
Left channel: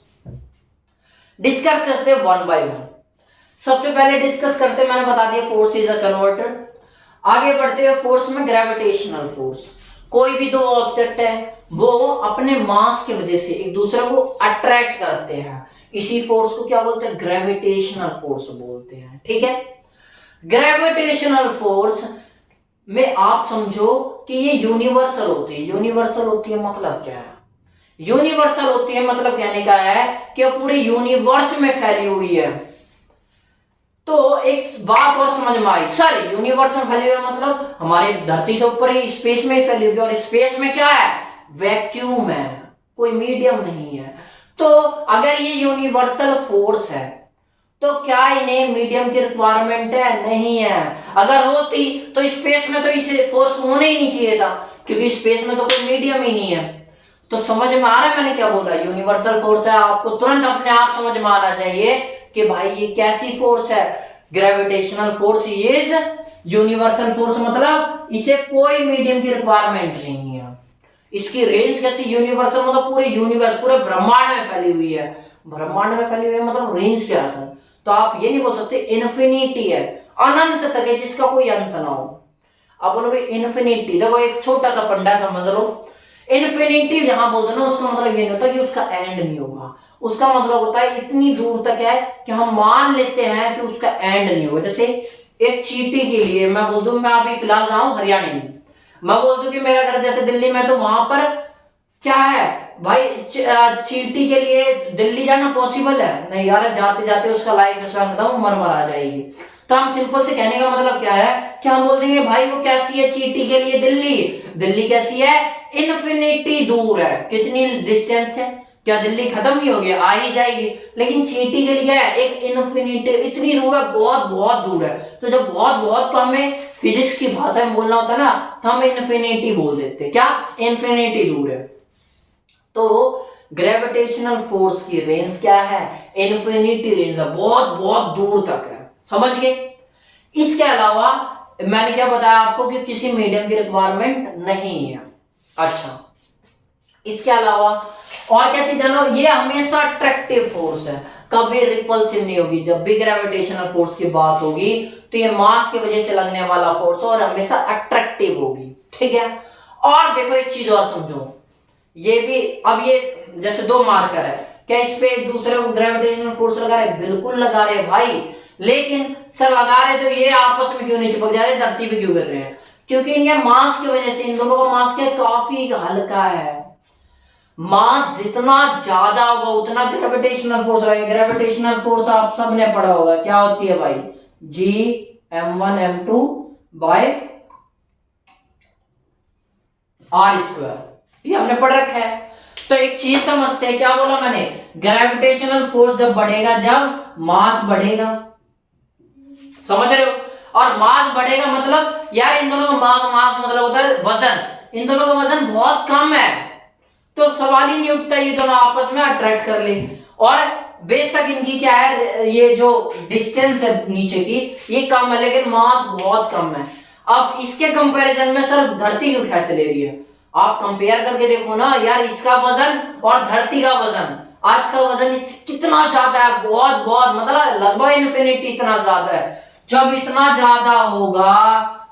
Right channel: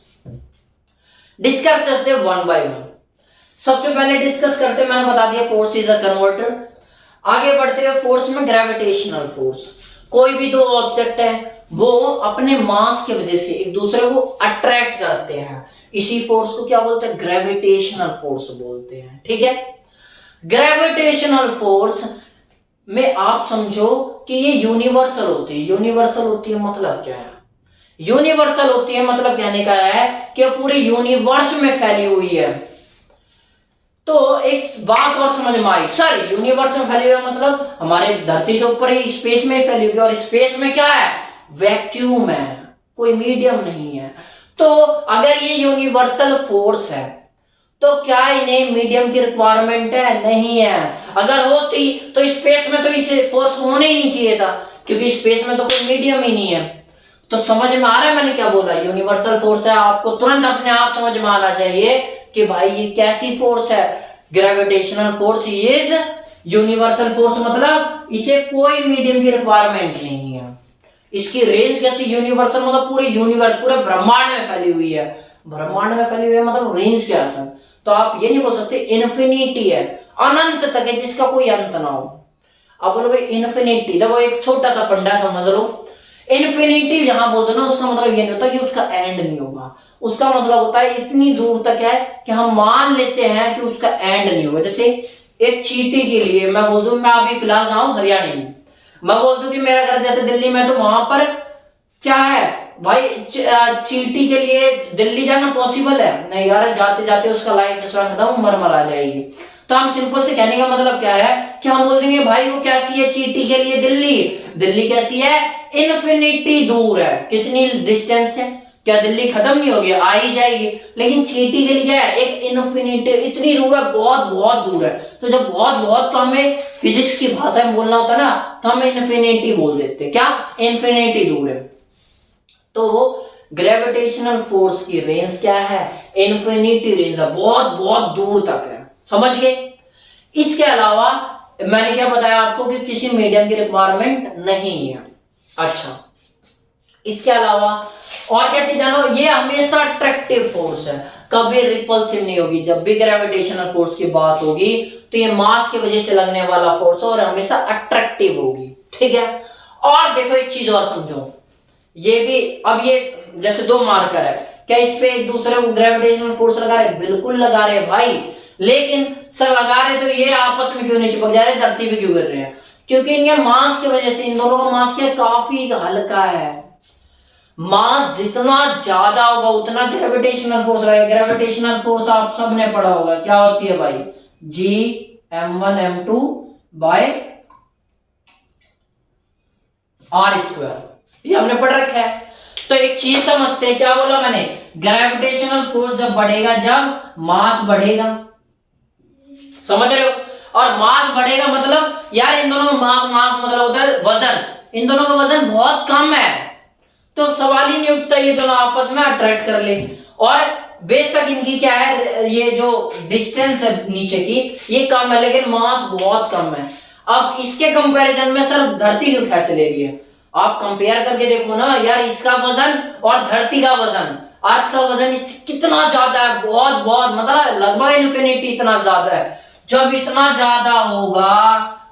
डिस्कस करते हैं वन बाय वन। सबसे पहले डिस्कस करते हैं, मैंने बता दिया फोर्स इज अ कन्वर्टर। आगे बढ़ते हुए फोर्स में ग्रेविटेशनल फोर्स, कोई भी दो ऑब्जेक्ट है वो अपने मास की वजह से एक दूसरे को अट्रैक्ट करते हैं, इसी फोर्स को क्या बोलते हैं, ग्रेविटेशनल फोर्स बोलते हैं। ठीक है, ग्रेविटेशनल फोर्स में आप समझो कि ये यूनिवर्सल होती है। यूनिवर्सल होती है मतलब क्या है, यूनिवर्सल होती है मतलब कहने का है कि पूरे यूनिवर्स में फैली हुई है। तो एक बात और समझ में आई, सर यूनिवर्स में फैली हुई मतलब हमारे धरती से ऊपर ही स्पेस में ही फैली हुई, और स्पेस में क्या है, वैक्यूम है, कोई मीडियम नहीं है। तो अगर ये यूनिवर्सल फोर्स है तो क्या इन्हें मीडियम की रिक्वायरमेंट है, नहीं है। अगर होती तो स्पेस में तो इसे फोर्स होना ही नहीं चाहिए था, क्योंकि स्पेस में तो कोई मीडियम ही नहीं है। तो समझ में आ रहा है मैंने क्या बोला, यूनिवर्सल फोर्स है, आपको तुरंत अपने आप समझ में आना चाहिए कि भाई ये कैसी फोर्स है। Gravitational force is universal force, मतलब इसे कोई मीडियम की रिक्वायरमेंट नहीं है। इसकी रेंज कैसी, यूनिवर्सल मतलब पूरे यूनिवर्स, पूरे ब्रह्मांड में फैली हुई है। ब्रह्मांड में फैली हुई है मतलब रेंज क्या है सर, तो आप ये नहीं बोल सकते इन्फिनिटी है, अनंत तक है जिसका कोई अंत ना हो। अब बोलोगे इन्फिनिटी, देखो एक छोटा सा फंडा समझ लो, इन्फिनिटी जहां बोलते ना उसका मतलब ये नहीं होता कि उसका एंड नहीं होगा, उसका मतलब होता है इतनी दूर तक है कि हम मान लेते हैं कि उसका एंड नहीं होगा। जैसे एक चींटी के लिए मैं बोल दूं, मैं अभी फिलहाल गाँव हरियाणा में, मैं बोल दूं कि मेरा घर जैसे दिल्ली में, तो वहां पर क्या है भाई, चींटी के लिए दिल्ली जाना पॉसिबल है नहीं यार, जाते जाते उसका लाइफ स्पैन खत्म, मर आ जाएगी। तो हम सिंपल से कहने का मतलब क्या है कि हम बोल देंगे भाई वो कैसी है चींटी के लिए दिल्ली, दिल्ली कैसी है, इन्फिनिटी दूर है। कितनी डिस्टेंस है, क्या दिल्ली खत्म नहीं होगी, आ ही जाएगी, लेकिन चींटी के लिए क्या है, एक इन्फिनिटी, इतनी दूर है, बहुत बहुत दूर है। तो जब बहुत बहुत को हमें फिजिक्स की भाषा में बोलना होता है ना, तो हम इन्फिनिटी बोल देते हैं, क्या, इन्फिनिटी दूर है। तो ग्रेविटेशनल फोर्स की रेंज क्या है, इन्फिनिटी रेंज है, बहुत बहुत दूर तक है, समझ गए। इसके अलावा मैंने क्या बताया आपको कि किसी मीडियम की रिक्वायरमेंट नहीं है। अच्छा, इसके अलावा और क्या चीज है ना, ये हमेशा अट्रैक्टिव फोर्स है, कभी रिपल्सिव नहीं होगी। जब भी ग्रेविटेशनल फोर्स की बात होगी तो ये मास की वजह से लगने वाला फोर्स है और हमेशा अट्रैक्टिव होगी, ठीक है। और देखो एक चीज और समझो, ये भी, अब ये जैसे दो मार्कर है, क्या इस पे एक दूसरे को ग्रेविटेशनल फोर्स लगा रहे, बिल्कुल लगा रहे भाई। लेकिन सर लगा रहे तो ये आपस में क्यों नहीं चिपक जा रहे, धरती पे क्यों गिर रहे हैं, क्योंकि इनके मास की वजह से, इन दोनों का मास क्या काफी हल्का है। मास जितना ज्यादा होगा उतना ग्रेविटेशनल फोर्स लगेगा। ग्रेविटेशनल फोर्स आप सबने पढ़ा होगा, क्या होती है भाई, जी m1m2 बाय आर स्क्वायर, ये हमने पढ़ रखा है। तो एक चीज समझते हैं, क्या बोला मैंने, ग्रेविटेशनल फोर्स जब बढ़ेगा जब मास बढ़ेगा, समझ रहे हो। और मास बढ़ेगा मतलब यार इन दोनों का मास, मास मतलब होता है वजन, इन दोनों का वजन बहुत कम है, तो सवाल ही नहीं उठता ये दोनों आपस में अट्रैक्ट कर ले। और बेशक इनकी क्या है, ये जो डिस्टेंस है नीचे की ये कम है, लेकिन मास बहुत कम है। अब इसके कंपैरिजन में सर धरती क्यों खींच ले रही है, आप कंपेयर करके देखो ना यार, इसका वजन और धरती का वजन, अर्थ का वजन इससे कितना ज्यादा है, बहुत बहुत मतलब लगभग इन्फिनिटी इतना ज्यादा है। जब इतना ज्यादा होगा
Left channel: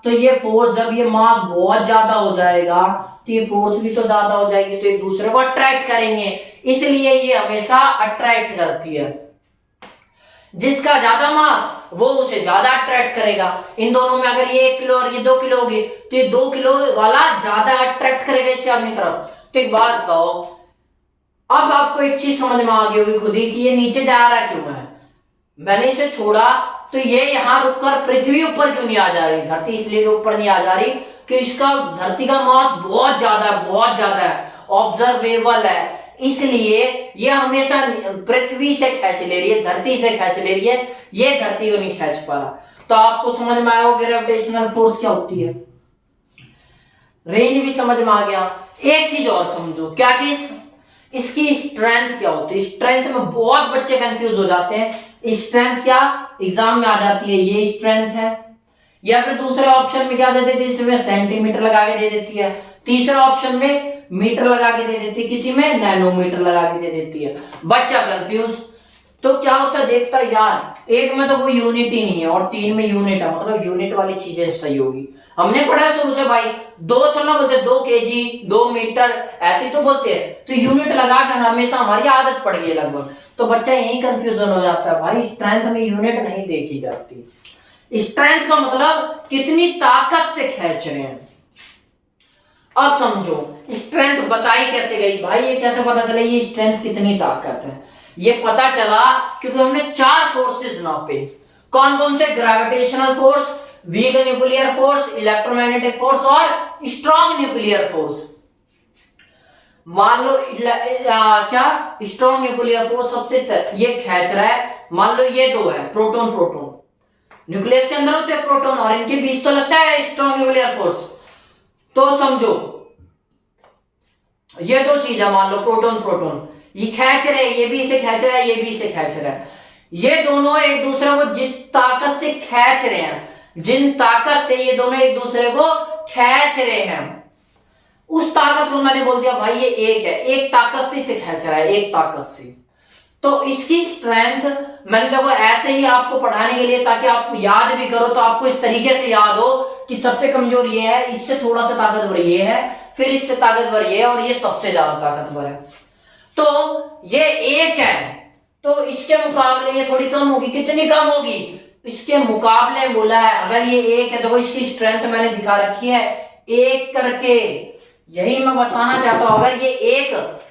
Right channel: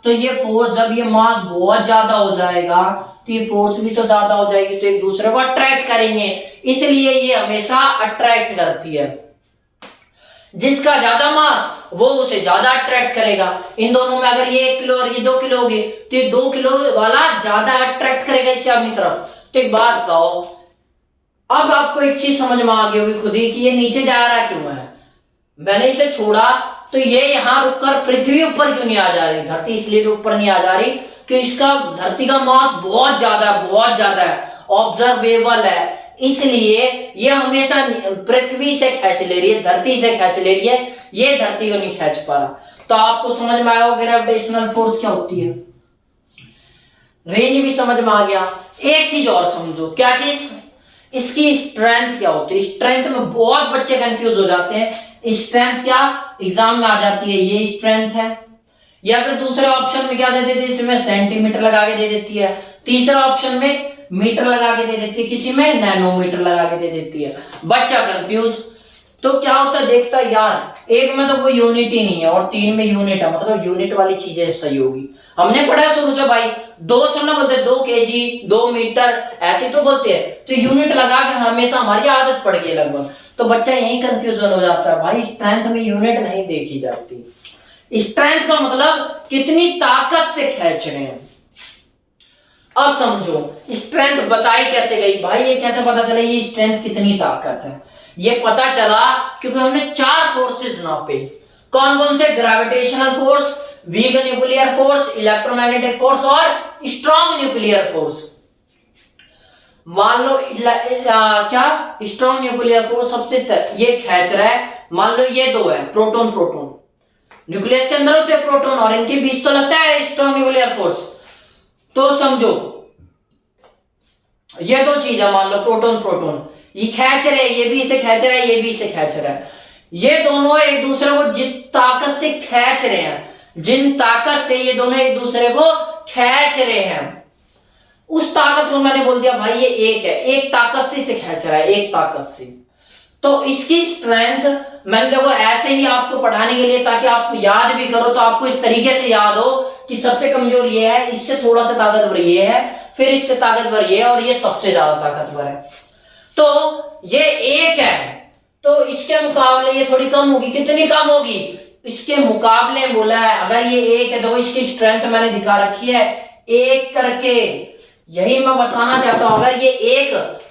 तो ये फोर्स, जब ये मास बहुत ज्यादा हो जाएगा तो ये फोर्स भी तो ज्यादा हो जाएगी, तो एक दूसरे को अट्रैक्ट करेंगे, इसलिए ये हमेशा अट्रैक्ट करती है। जिसका ज्यादा मास वो उसे ज्यादा अट्रैक्ट करेगा। इन दोनों में अगर ये 1 किलो और ये 2 किलो होगी तो ये 2 किलो वाला ज्यादा अट्रैक्ट करेगा इसे अपनी तरफ। तो एक बात बताओ, अब आपको एक चीज समझ में आ गई होगी खुद ही कि ये नीचे जा रहा क्यों है। मैंने इसे छोड़ा तो ये यहां रुककर पृथ्वी ऊपर क्यों नहीं आ जा रही, धरती इसलिए ऊपर नहीं आ जा रही कि इसका धरती का मास बहुत ज्यादा है, बहुत ज्यादा है, ऑब्जर्वेबल है, इसलिए ये हमेशा पृथ्वी से खींच ले रही है, धरती से खींच ले रही है, ये धरती को नहीं खींच पा रहा। तो आपको समझ में आया ग्रेविटेशनल फोर्स क्या होती है, रेंज भी समझ में आ गया। एक चीज और समझो, क्या चीज, इसकी स्ट्रेंथ क्या होती है। स्ट्रेंथ में बहुत बच्चे कंफ्यूज हो जाते हैं, स्ट्रेंथ क्या एग्जाम में आ जाती है, ये स्ट्रेंथ है, या फिर दूसरे ऑप्शन में क्या दे देती है, इसमें सेंटीमीटर लगा के दे देती है, तीसरा ऑप्शन में मीटर लगा के दे देती है, किसी में नैनोमीटर लगा के दे देती है, बच्चा कंफ्यूज। तो क्या होता है, देखता है यार एक में तो कोई यूनिट ही नहीं है और 3 में यूनिट है, मतलब यूनिट वाली चीजें सही होगी। हमने पढ़ा शुरू से भाई, 2 थोड़ा बोलते 2 kg 2 मीटर ऐसे तो बोलते हैं, तो यूनिट लगा कर हमेशा हमारी आदत पड़ गई लगभग, तो बच्चा यही कंफ्यूजन हो जाता है, भाई स्ट्रेंथ में यूनिट नहीं देखी जाती। स्ट्रेंथ का मतलब कितनी ताकत से खींच रहे हैं। अब समझो स्ट्रेंथ बताई कैसे गई भाई, ये कैसे पता चला ये स्ट्रेंथ कितनी ताकत है, ये पता चला क्योंकि हमने 4 फोर्सेस नापे। कौन कौन से, gravitational force, weak nuclear force, electromagnetic force और स्ट्रॉन्ग न्यूक्लियर फोर्स। मान लो क्या स्ट्रॉन्ग न्यूक्लियर फोर्स सबसे ये खींच रहा है, मान लो ये 2 है, प्रोटॉन प्रोटॉन, न्यूक्लियस के अंदर होते हैं प्रोटॉन और इनके बीच तो लगता है स्ट्रॉन्ग न्यूक्लियर फोर्स। तो समझो ये 2 चीजें, मान लो प्रोटॉन प्रोटॉन, ये खींच रहे, ये भी इसे खींच रहा है, ये भी इसे खींच रहा है, ये दोनों एक दूसरे को जिन ताकत से खींच रहे हैं, जिन ताकत से ये दोनों एक दूसरे को खींच रहे हैं, उस ताकत को मैंने बोल दिया भाई ये एक है, एक ताकत से इसे खींच रहा है, एक ताकत से। तो इसकी स्ट्रेंथ मैंने देखो ऐसे ही आपको पढ़ाने के लिए, ताकि आप याद भी करो, तो आपको इस तरीके से याद हो कि सबसे कमजोर ये है, इससे थोड़ा सा ताकतवर ये है, फिर इससे ताकतवर ये है और ये सबसे ज्यादा ताकतवर है। तो ये एक है तो इसके मुकाबले ये थोड़ी कम होगी, कितनी कम होगी, इसके मुकाबले बोला है। अगर ये एक है तो इसकी स्ट्रेंथ मैंने दिखा रखी है एक करके, यही मैं बताना चाहता हूं। अगर ये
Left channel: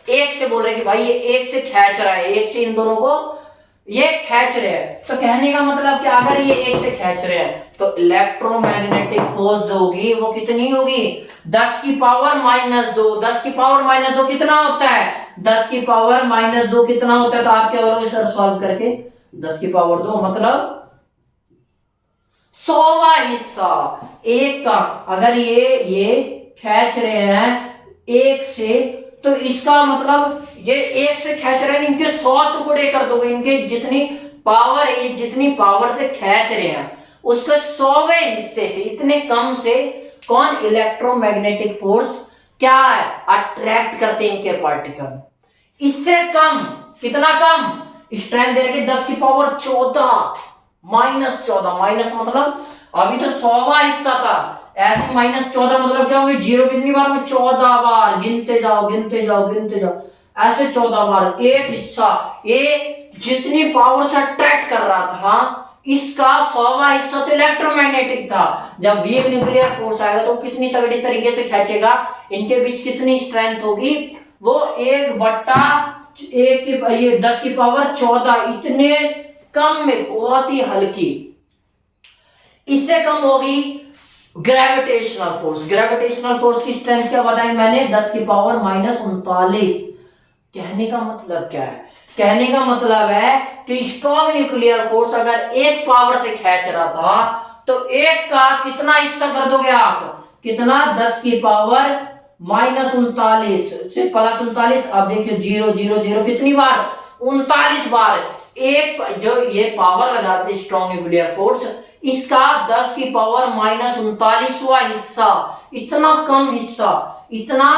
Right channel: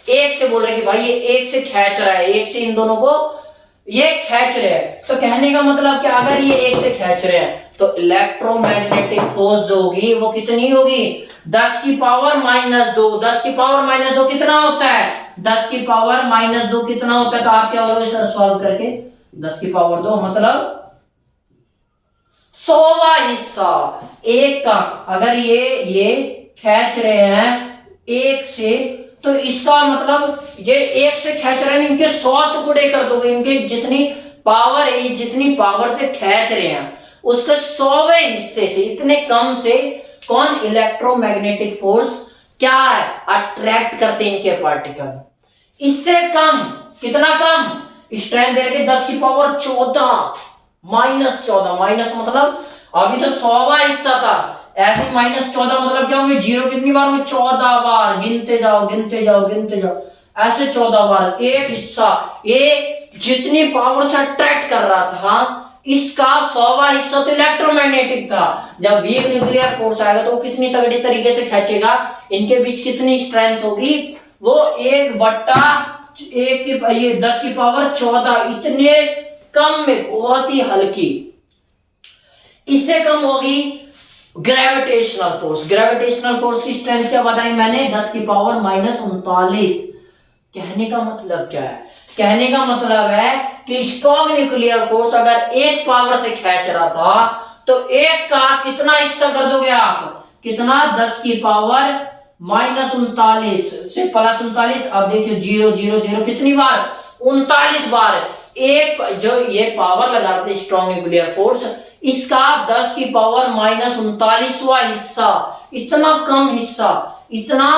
एक से बोल रहे कि भाई ये एक से खींच रहा है, एक से इन दोनों को ये खींच रहे हैं, तो कहने का मतलब कि अगर ये एक से खींच रहे हैं तो इलेक्ट्रोमैग्नेटिक फोर्स जो होगी वो कितनी होगी, 10 की पावर -2। 10 की पावर -2 कितना होता है, 10 की पावर -2 कितना होता है, तो आप क्या बोलोगे सर सॉल्व करके, 10 की पावर 2 मतलब 100वां हिस्सा एक का। अगर ये खींच रहे हैं एक से तो इसका मतलब ये एक से खींच रहे हैं, इनके 100 टुकड़े कर दोगे, इनके जितनी पावर है, ये जितनी पावर से खींच रहे हैं उसके 100वें हिस्से से, इतने कम से कौन इलेक्ट्रोमैग्नेटिक फोर्स क्या है, अट्रैक्ट करते हैं इनके पार्टिकल। इससे कम, कितना कम, स्ट्रेंथ दे रखे 10 की पावर 14 -14, माइनस मतलब अभी तो 100वां हिस्सा था, ऐसे -14 मतलब क्या होंगे, जीरो कितनी बार में, 14 बार, गिनते जाओ गिनते जाओ गिनते जाओ, ऐसे 14 बार एक हिस्सा, ये जितनी पावर से अट्रैक्ट कर रहा था इसका 100वां हिस्सा तो इलेक्ट्रोमैग्नेटिक था। जब वीक न्यूक्लियर फोर्स आएगा तो कितनी तगड़ी तरीके से खींचेगा, इनके बीच कितनी स्ट्रेंथ होगी, वो 1/1 ये 10 की पावर 14, इतने कम में, बहुत ही हल्की। इससे कम होगी ग्रेविटेशनल फोर्स। ग्रेविटेशनल फोर्स की स्ट्रेंथ क्या बताई मैंने, 10 की पावर -39। कहने का मतलब क्या है, कहने का मतलब है कि स्ट्रॉन्ग न्यूक्लियर फोर्स अगर एक पावर से खींच रहा था तो एक का कितना हिस्सा कर दोगे आप, कितना, 10 की पावर -39 से +39, अब देखिए 0 0 0 कितनी बार, 39 बार। एक जो ये पावर लगाते स्ट्रॉन्ग न्यूक्लियर फोर्स, इसका 10 की पावर -39वां हिस्सा, इतना कम हिस्सा, इतना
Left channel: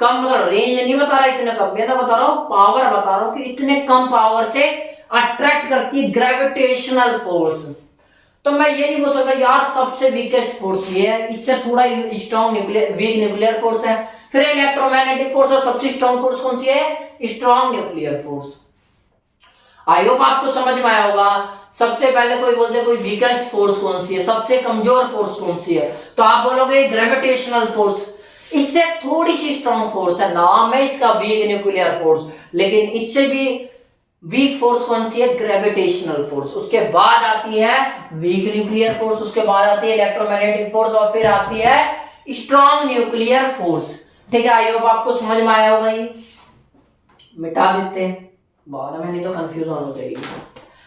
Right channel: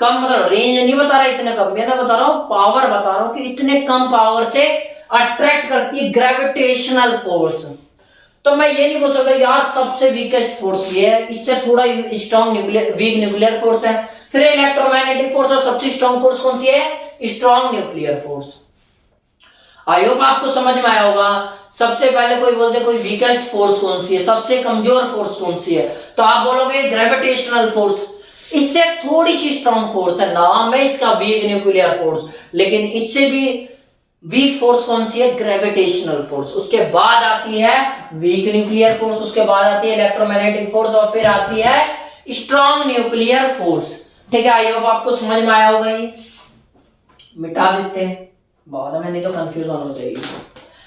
कम, मतलब रेंज नहीं बता रहा इतने कम, मैं बता रहा हूं पावर बता रहा हूं कि इतने कम पावर से अट्रैक्ट करती है ग्रेविटेशनल फोर्स। तो मैं ये नहीं बोल सकता यार सबसे वीकेस्ट फोर्स ये है, इससे थोड़ा strong nuclear, weak nuclear force है, फिर इलेक्ट्रोमैग्नेटिक फोर्स, और सबसे स्ट्रॉन्ग फोर्स कौन सी है, strong nuclear force. I hope आपको समझ में आया होगा। सबसे पहले कोई बोलते कोई वीकेस्ट फोर्स कौन सी है, सबसे कमजोर फोर्स कौन सी है, तो आप बोलोगे ग्रेविटेशनल फोर्स। इससे थोड़ी सी स्ट्रॉन्ग फोर्स है, नाम है इसका वीक न्यूक्लियर फोर्स, लेकिन इससे भी वीक फोर्स कौन सी है, ग्रेविटेशनल फोर्स। उसके बाद आती है वीक न्यूक्लियर फोर्स, उसके बाद आती है इलेक्ट्रोमैग्नेटिक फोर्स, और फिर आती है स्ट्रॉन्ग न्यूक्लियर फोर्स। ठीक है, आई होप आपको समझ में आया होगा। ये मिटा देते हैं बाद में, नहीं तो कंफ्यूज हो जाएगी।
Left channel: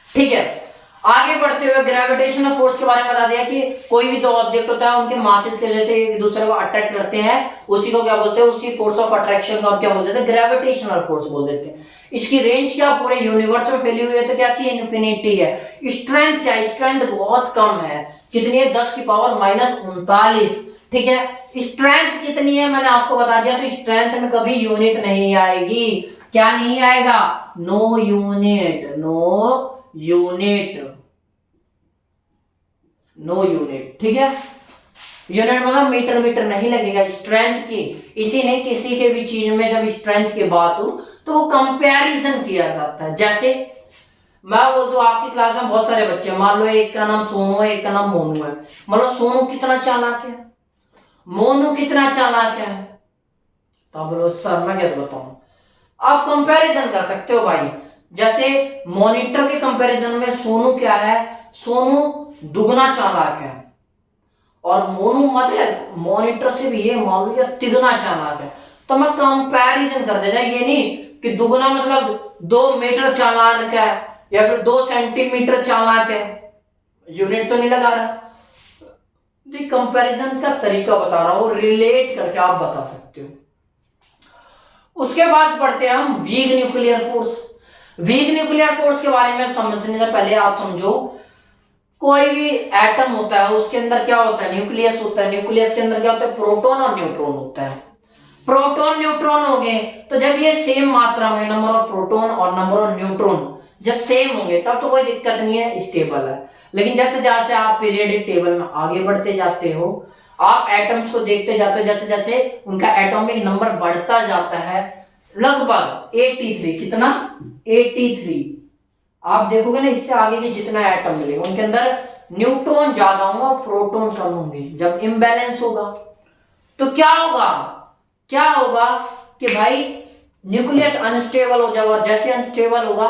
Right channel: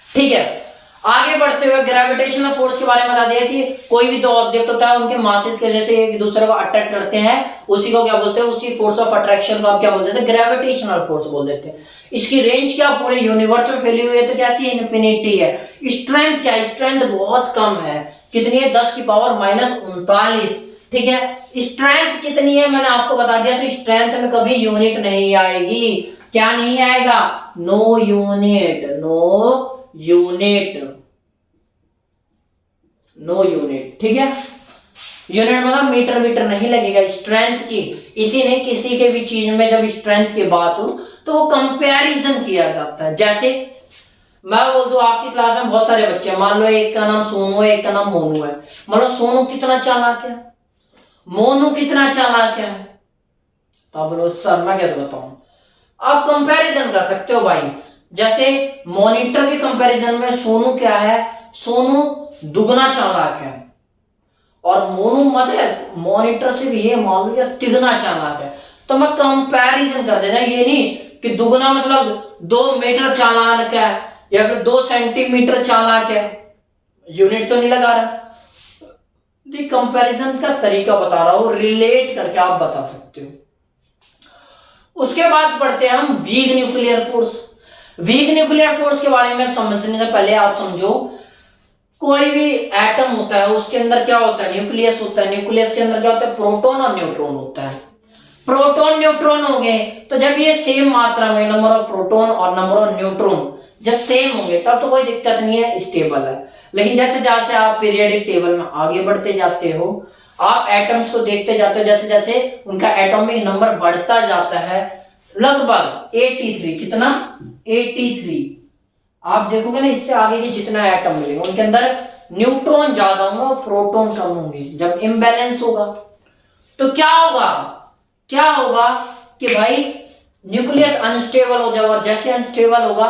ठीक है, आगे बढ़ते हुए ग्रेविटेशनल फोर्स के बारे में बता दिया कि कोई भी दो ऑब्जेक्ट होता है, उनके मासेस के जैसे एक दूसरे को अट्रैक्ट करते हैं, उसी को क्या बोलते हैं, उसी फोर्स ऑफ अट्रैक्शन को आप क्या बोल देते हैं, ग्रेविटेशनल फोर्स बोल देते हैं। इसकी रेंज क्या पूरे यूनिवर्स में फैली हुई है, तो कैसी इन्फिनिटी है। स्ट्रेंथ क्या है, स्ट्रेंथ बहुत कम है, कितनी है, 10 की पावर -39। ठीक है, स्ट्रेंथ कितनी है मैंने आपको बता दिया, तो स्ट्रेंथ में कभी यूनिट नहीं आएगी, क्या नहीं आएगा, no unit, no unit, no unit. ठीक है, यूनिट मतलब मीटर मीटर नहीं लगेगा स्ट्रेंथ की। इसी नहीं, किसी के भी चीज में जब स्ट्रेंथ की बात हो तो वो कंपैरिजन किया जाता है। जैसे मैं बोल दूं आपकी क्लास में बहुत सारे बच्चे हैं, मान लो एक का नाम सोनू है, एक का नाम मोनू है, मतलब सोनू कितना चालाक है, मोनू कितना चालाक है, तो आप बोलो सर मैं क्या तो बताऊं, आप कंपैरिजन कर सकते हो भाई। जैसे मॉनिटर के कंपैरिजन में सोनू क्या है, सोनू दुगना चालाक है, और मोनू मतलब मॉनिटर से भी ये मान लो या तिगना चालाक है। तो मैं कंपैरिजन कर देना, ये नहीं कि दुगना मतलब 2 मीटर चालाक है या फिर 2 सेंटीमीटर चालाक है, यूनिट तो नहीं लगा रहा, कंपैरिजन का तरीका बता रहा हूं, रिलेट करके आप बता सकते हो। उसके बाद पढ़ते हैं हम weak nuclear force. Weak nuclear force के बारे में समझने से पहले आप समझो, कोई भी एटम होता है उसके अंदर क्या होता है, न्यूक्लियस होता है, न्यूक्लियस के अंदर क्या होता है, प्रोटॉन और न्यूट्रॉन होता है। प्रोटॉन न्यूट्रॉन हो गए तो जब ये सेम मात्रा में नंबर ऑफ प्रोटॉन और नंबर ऑफ न्यूट्रॉन जब सेम होंगे तब तो कोई दिक्कत नहीं है, स्टेबल है। लेकिन जैसे जैसे आप पीरियोडिक टेबल में आगे बढ़ते जाते हो, आप एटम्स को देखते जाते हो, जैसे जैसे उनका एटॉमिक नंबर बढ़ता जाता है, लगभग 83, कितना, 83, आप देखोगे ना इससे आगे के जितना एटम मिलेगा उनके अंदर न्यूट्रॉन ज्यादा होंगे और प्रोटॉन कम होंगे। जब इम्बैलेंस होगा तो क्या होगा, क्या होगा कि भाई न्यूक्लियस अनस्टेबल हो जाएगा, और जैसे अनस्टेबल होगा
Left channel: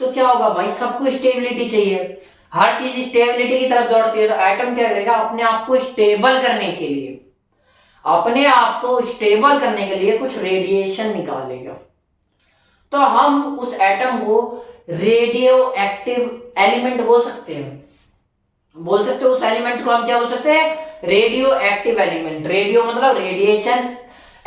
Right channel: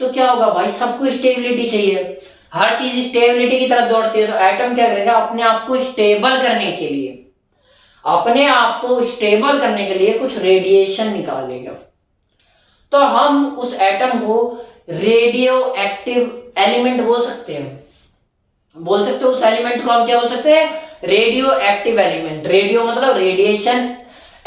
तो क्या होगा भाई, सबको स्टेबिलिटी चाहिए, हर चीज स्टेबिलिटी की तरफ दौड़ती है, तो एटम क्या करेगा, अपने आप को स्टेबल करने के लिए, अपने आप को स्टेबल करने के लिए कुछ रेडिएशन निकालेगा। तो हम उस एटम को रेडियो एक्टिव एलिमेंट बोल सकते हैं, बोल सकते हो उस एलिमेंट को हम क्या बोल सकते हैं, रेडियो एक्टिव एलिमेंट। रेडियो मतलब रेडिएशन,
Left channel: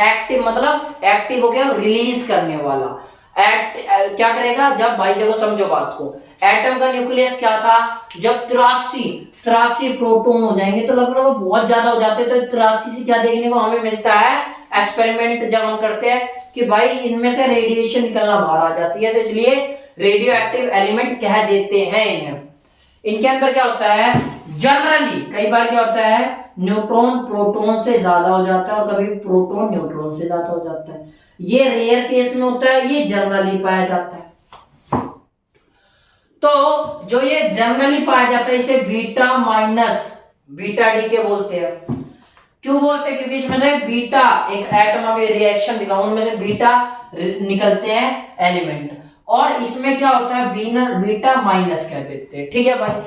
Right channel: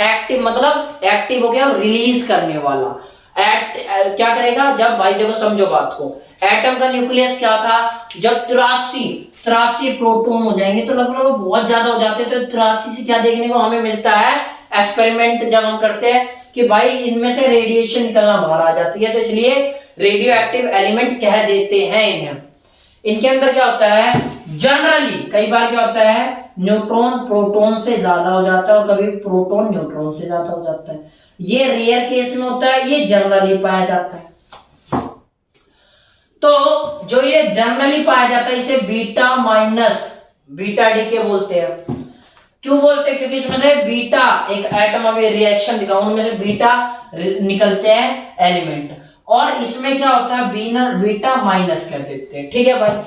एक्टिव मतलब एक्टिव हो गया रिलीज करने वाला। क्या करेगा जब, भाई देखो समझो बात को, एटम का न्यूक्लियस क्या था, जब 83 प्रोटॉन हो जाएंगे तो लगभग बहुत ज्यादा हो जाते हैं, तो 83 से क्या देखने को हमें मिलता है एक्सपेरिमेंट जब हम करते हैं कि भाई इनमें से रेडिएशन निकलना बाहर आ जाती है, तो इसलिए रेडियो एक्टिव एलिमेंट कह देते हैं इन्हें। इनके अंदर क्या होता है, जनरली कई बार क्या होता है, न्यूट्रॉन प्रोटॉन से ज्यादा हो जाता है और कभी प्रोटॉन न्यूट्रॉन से ज्यादा हो जाता है। ये रेयर केस में होता है, ये जनरली पाया जाता है। तो जो ये जनरली पाया जाता है इसे बीटा माइनस बीटा डी के बोलते हैं। क्यों बोलते हैं, क्योंकि इसमें से बीटा एक एटम, अभी रिएक्शन दिखाऊं, उनमें से बीटा निकलते हैं एलिमेंट, और इसमें क्या होता है बीटा माइनस कह देते हैं। ठीक है भाई,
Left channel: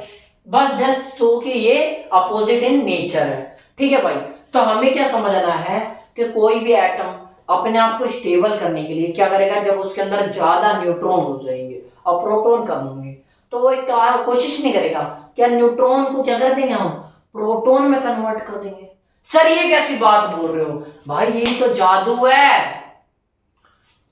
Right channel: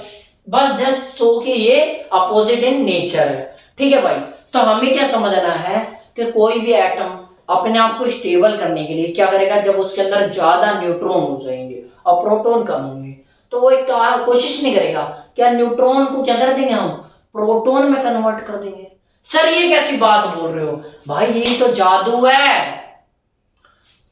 बस जस्ट सो कि ये अपोजिट इन नेचर है। ठीक है भाई, तो हमें क्या समझना है कि कोई भी एटम अपने आप को स्टेबल करने के लिए क्या करेगा, जब उसके अंदर ज्यादा न्यूट्रॉन हो जाएंगे और प्रोटॉन कम होंगे तो वो एक कोशिश नहीं करेगा क्या न्यूट्रॉन को क्या कर देंगे हम प्रोटॉन में कन्वर्ट कर देंगे। सर ये कैसी बात बोल रहे हो भाई, ये तो जादू है।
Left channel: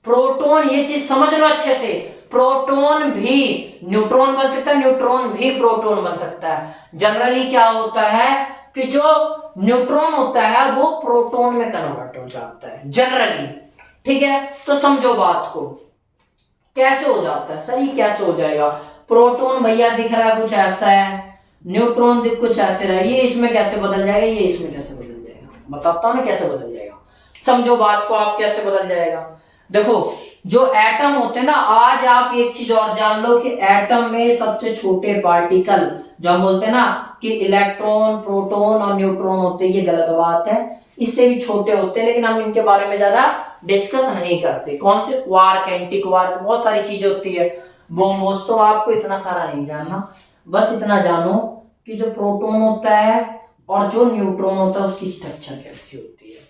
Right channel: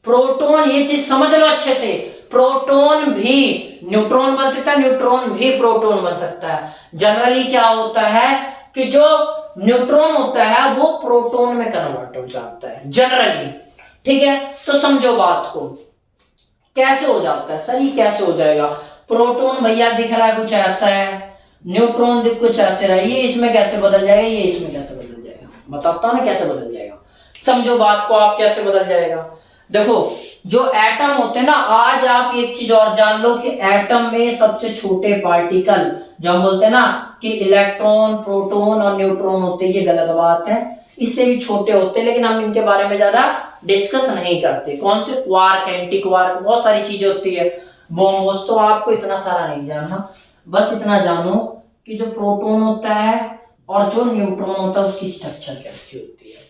प्रोटॉन, ये चीज समझ लो अच्छे से, प्रोटॉन भी न्यूट्रॉन बन सकता है, न्यूट्रॉन भी प्रोटॉन बन सकता है। जनरली क्या होता है कि जो न्यूट्रॉन होता है वो प्रोटॉन में कन्वर्ट हो जाता है जनरली। ठीक है, तो समझो बात को, कैसे हो जाता है सर, ये कैसे हो जाएगा, प्रोटॉन भैया दिख रहा है कुछ ऐसा है, न्यूट्रॉन दिख कुछ ऐसे रहा है, ये इसमें कैसे बदल जाएगा, ये इसमें कैसे बदल जाएगा, बताता हूं ना कैसे बदल जाएगा। समझो बात को आप, कैसे बदल जाएगा। देखो जो एटम होते हैं ना, आज आप एक चीज और जान लो कि एटम में सबसे छोटे पार्टिकल जो हम बोलते हैं ना कि इलेक्ट्रॉन प्रोटॉन और न्यूट्रॉन होते हैं, ये गलत बात है, इससे भी छोटे होते हैं, लेकिन हम इनके बारे में ज्यादा डिस्कस नहीं करते। कौन से, क्वार्क, एंटी क्वार्क, बहुत सारी चीजें होती है, बॉम्बोस, तो आपको इतना सारा नहीं जानना, बस इतना जानो कि जो प्रोटॉन होता है और जो न्यूट्रॉन होता है उसकी स्ट्रक्चर कैसी होती है।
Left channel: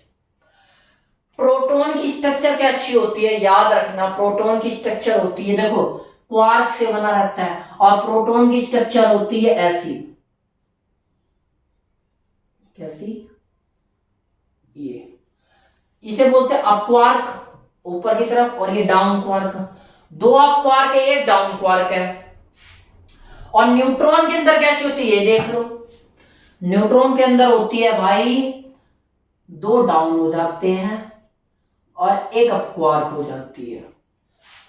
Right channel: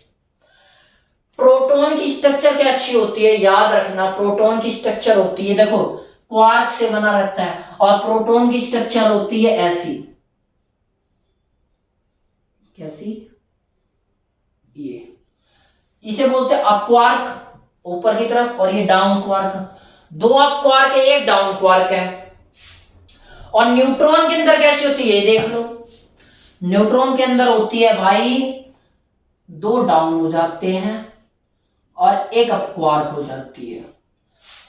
प्रोटॉन की स्ट्रक्चर कैसी होती है, याद रखना, प्रोटॉन की स्ट्रक्चर होती है, देखो क्वार्क से बना रहता है, और प्रोटॉन की स्ट्रक्चर होती है ऐसी, कैसी, ये इसे बोलते हैं अप क्वार्क ऊपर की तरफ, और ये डाउन क्वार्क, दो अप क्वार्क है एक डाउन क्वार्क है। और न्यूट्रॉन के अंदर कैसी होती है, देख लो, न्यूट्रॉन के अंदर होती है भाई दो डाउन हो जाते हैं और एक अप क्वार्क हो जाती है।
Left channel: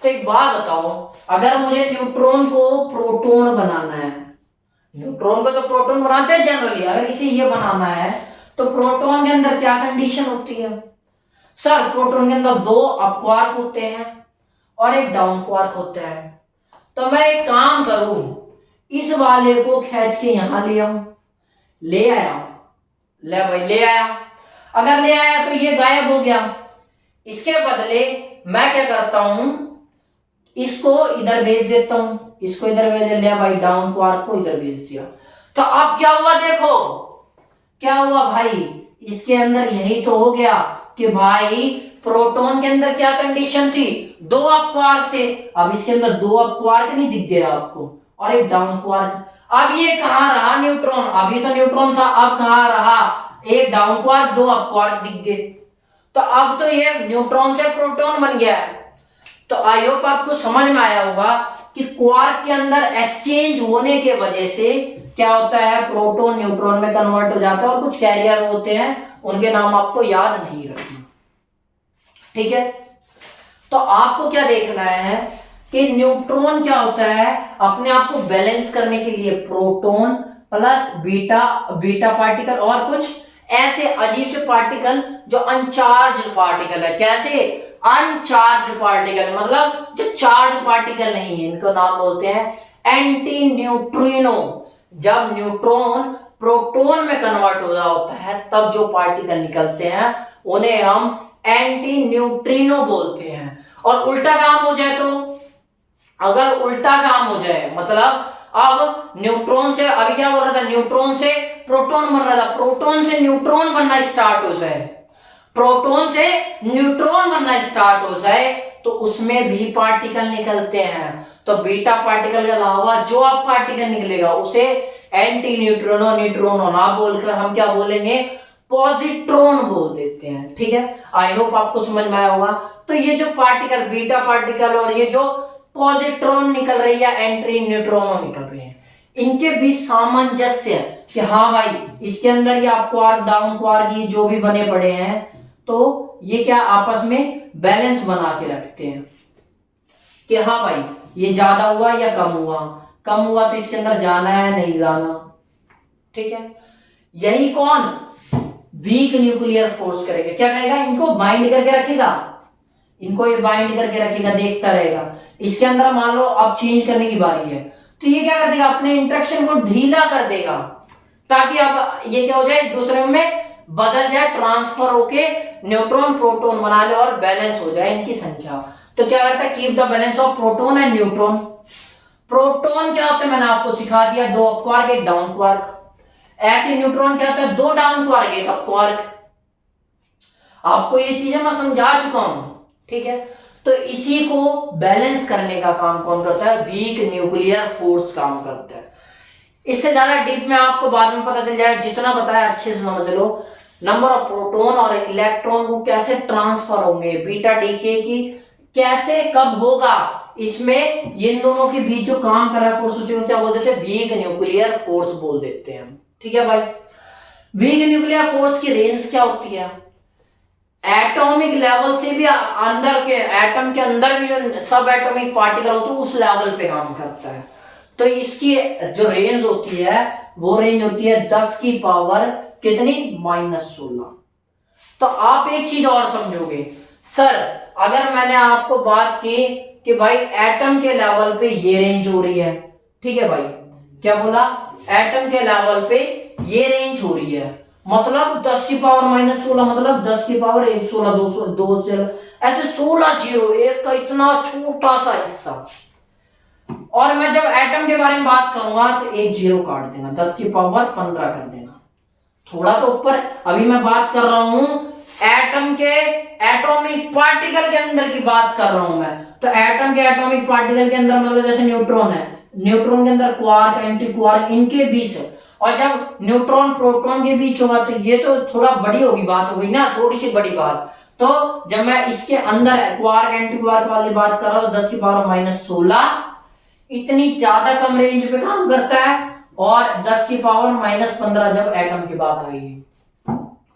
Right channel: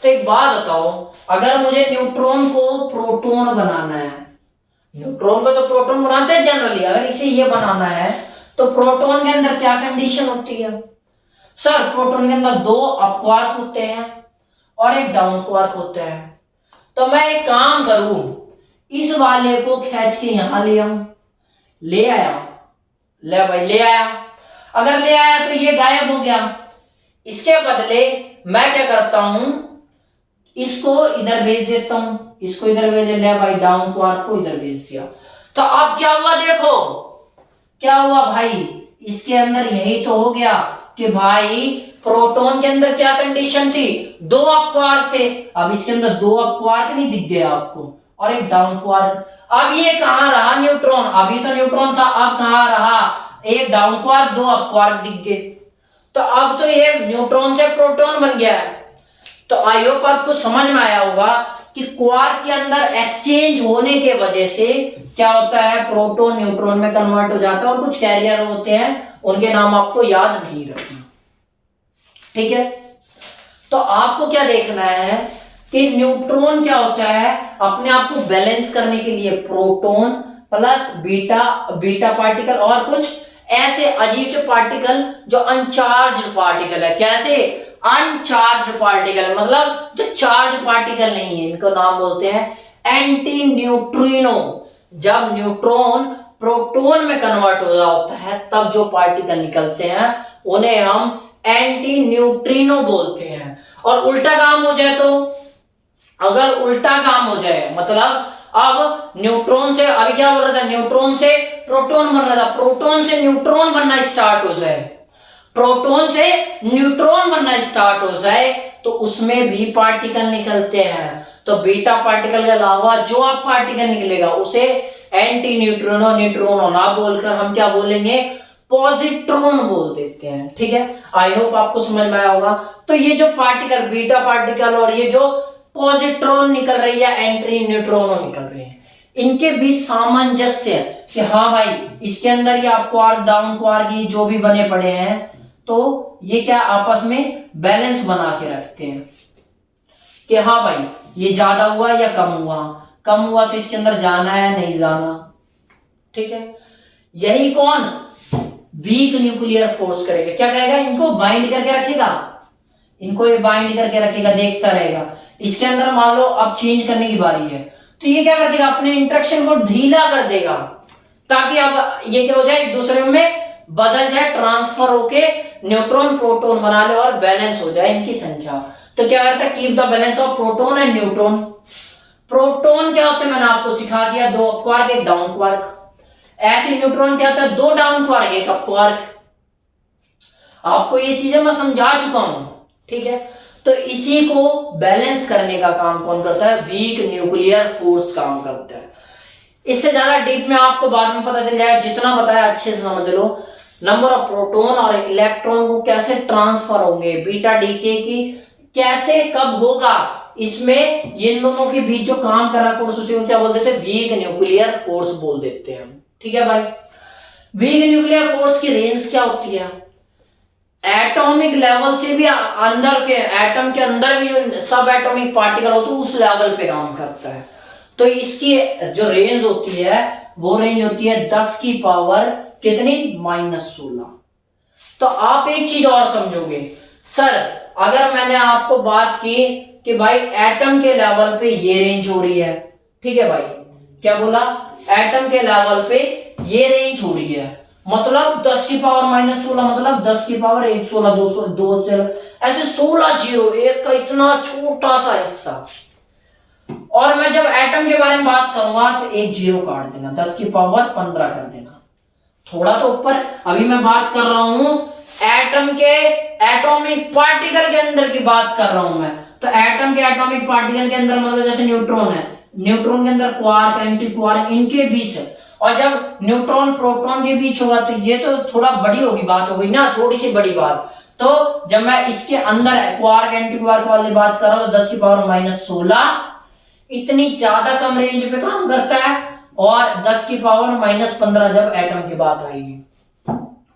तो एक बात बताओ, अगर मुझे न्यूट्रॉन को प्रोटॉन बनाना है, न्यूट्रॉन को तो प्रोटॉन बनाते हैं जनरली, अगर इसे ये बनाना है तो प्रोटॉन के अंदर क्या कंडीशन होती है। सर प्रोटॉन के अंदर दो अप क्वार्क होते हैं और एक डाउन क्वार्क होता है। तो मैं एक काम करूं, इस वाले को खींच के यहां ले आऊं, ले आया, ले भाई ले आया, अगर ले आया तो ये गायब हो गया। इसके बदले मैं क्या करता हूं, इसको इधर भेज देता हूं, इसको इधर भेज, ले भाई डाउन क्वार्क को इधर भेज दिया। तो अब क्या हुआ, देखो क्या हुआ भाई, इसके अंदर यही तो हो गया कि भाई प्रोटॉन के अंदर क्या कंडीशन थी, दो अप क्वार्क थे, अब इसके अंदर दो अप क्वार्क नहीं दिख गया आपको और एक डाउन क्वार्क। अब ये कहां रहा न्यूट्रॉन, अभी तो न्यूट्रॉन था, अब कहां रहा एक डाउन क्वार्क, दो अप क्वार्क दिख गए। तो अब तो ये न्यूट्रॉन से प्रोटॉन बन गया है। तो आई होप आपको समझ में आया होगा कि क्वार्क के अंदर एक्सचेंज होने के वजह से क्या होता है, प्रोटॉन न्यूट्रॉन में कन्वर्ट हो जाता है, और कुछ कैरियर होते हैं उनके नाम आपको याद नहीं रखना। ठीक है, तो आपको क्या देखना है कि न्यूट्रॉन क्या होता है, अपने आप को बैलेंस करने के लिए प्रोटॉन प्लस बीटा पार्टिकल और कुछ ऐसे अजीब से पार्टिकल जो अनचार्ज पार्टिकल है। कैसे अनचार्ज पार्टिकल, मतलब जो चार्ज पार्टिकल नहीं है, इनको नाम बोलते हैं एंटी न्यूट्रिनो। जब न्यूट्रॉन प्रोटॉन में कन्वर्ट हो रहा होता है तब जो पार्टिकल निकलते हैं उन्हें हम एंटी न्यूट्रिनो बोलते हैं। और उल्टा काम हो जाए तो, अगर उल्टा काम हो जाए मतलब अब न्यूट्रॉन से, अभी क्या बोल रहा था, न्यूट्रॉन से प्रोटॉन बन रहा था, प्रोटॉन से न्यूट्रॉन बनना स्टार्ट हो जाए, प्रोटॉन से न्यूट्रॉन बनना स्टार्ट हो जाए तो उसमें भी पार्टिकल निकलते हैं। तो बीटा पार्टिकल के अलावा जो अब पार्टिकल निकलेगा उसे एंटी न्यूट्रिनो ना बोलकर हम क्या बोलेंगे, पॉजिट्रॉन बोल देते हैं। ठीक है, आई होप आपको समझ में आया होगा। तो ये जो पार्टिकल बीटा पार्टिकल और ये जो पॉजिट्रॉन निकल रही है, एंट्री न्यूट्रॉनो निकल रहे हैं, इनके बीच सामंजस्य है कि हाँ भाई इसके अंदर ये अप क्वार्क डाउन क्वार्क ये जो भी बने पड़े हैं, तो ये क्या आपस में बैलेंस बना के रखते हैं कि हाँ भाई ये ज्यादा हुआ या कम हुआ, कम हुआ तो इसके अंदर जाना है नहीं जाना। ठीक है, यही कौन वीक न्यूक्लियर फोर्स करेगा, क्या करेगा, इनको बाइंड करके रखेगा, इनको ये बाइंड करके रखेगा, देखता रहेगा। इसके अंदर मान लो अब चेंज करने की बारी है, तो ये क्या कर देगा, अपने इंटरेक्शन को ढीला कर देगा, ताकि अब ये क्या हो जाए, एक दूसरे में बदल जाए, ट्रांसफर होके न्यूट्रॉन प्रोटॉन बना ले और बैलेंस हो जाए इनकी संख्या। तो क्या करता है, keep the balance of proton and neutron. Proton क्या होते हैं मैंने आपको सिखा दिया, 2 अप क्वार्क 1 डाउन क्वार्क। ऐसे न्यूट्रॉन क्या होता है, 2 डाउन क्वार्क 1 अप क्वार्क। आपको ये चीजें मैं समझा चुका हूं। ठीक है, तो इसी को बैलेंस करने का काम कौन करता है, वीक न्यूक्लियर फोर्स काम करता है। इससे ज्यादा डीप में आपको बाद में पता चल जाए, जितना बताया अच्छे से समझ लो। नंबर ऑफ प्रोटॉन और इलेक्ट्रॉन को कैसे ट्रांसफर होंगे, बीटा डीके की कैसे कब होगा, इसमें इन दोनों के बीच जो काम कर रहा है फोर्स, उसे क्या बोल देते हैं, वीक न्यूक्लियर फोर्स बोल देते हैं। ठीक है भाई, वीक न्यूक्लियर फोर्स की रेंज क्या होती है, एटॉमिक लेवल से भी अंदर के एटम के अंदर भी जो सब एटॉमिक पार्टिकल होते हैं उस लेवल पे काम करता है। तो इसकी जो रेंज होती है वो रेंज होती है 10 की पावर कितनी, -16। तो आप एक चीज और समझोगे, सर अगर मैंने आपको बात की कि भाई एटम के लेवल पे ये रेंज हो रही है, ठीक है भाई, क्या बोला, एटम के लेवल पे ये रेंज हो रही है, मतलब 10 की पावर -16 मतलब 10 की पावर 1 16 2 से ऐसे 16 जीरो, एक का इतना छोटा सा हिस्सा। और मैं जब एटम के बारे में बात करूंगा तो एक जीरो काट देना, 10 की पावर 15 कर देना, थोड़ा तो ऊपर। अभी मैं बात कर रहा हूं एटम के एटॉमिक पार्टिकल के अंदर की बात कर रहा हूं मैं। तो एटम के एटॉमिक पार्टिकल के अंदर मतलब जैसे न्यूट्रॉन है, न्यूट्रॉन के अंदर क्वार्क एंटी क्वार्क इनके बीच है, और जब न्यूट्रॉन प्रोटॉन के बीच होगा तो ये तो थोड़ा बड़ी होगी बात, हो गई ना, थोड़ी सी बड़ी बात। तो जब मैं इसके अंदर क्वार्क एंटी क्वार्क वाली बात कर रहा हूं तो 10 की पावर -16 इतनी ज्यादा कम रेंज पे काम करता है, और 10 की पावर -15 जब एटम की बात आएगी।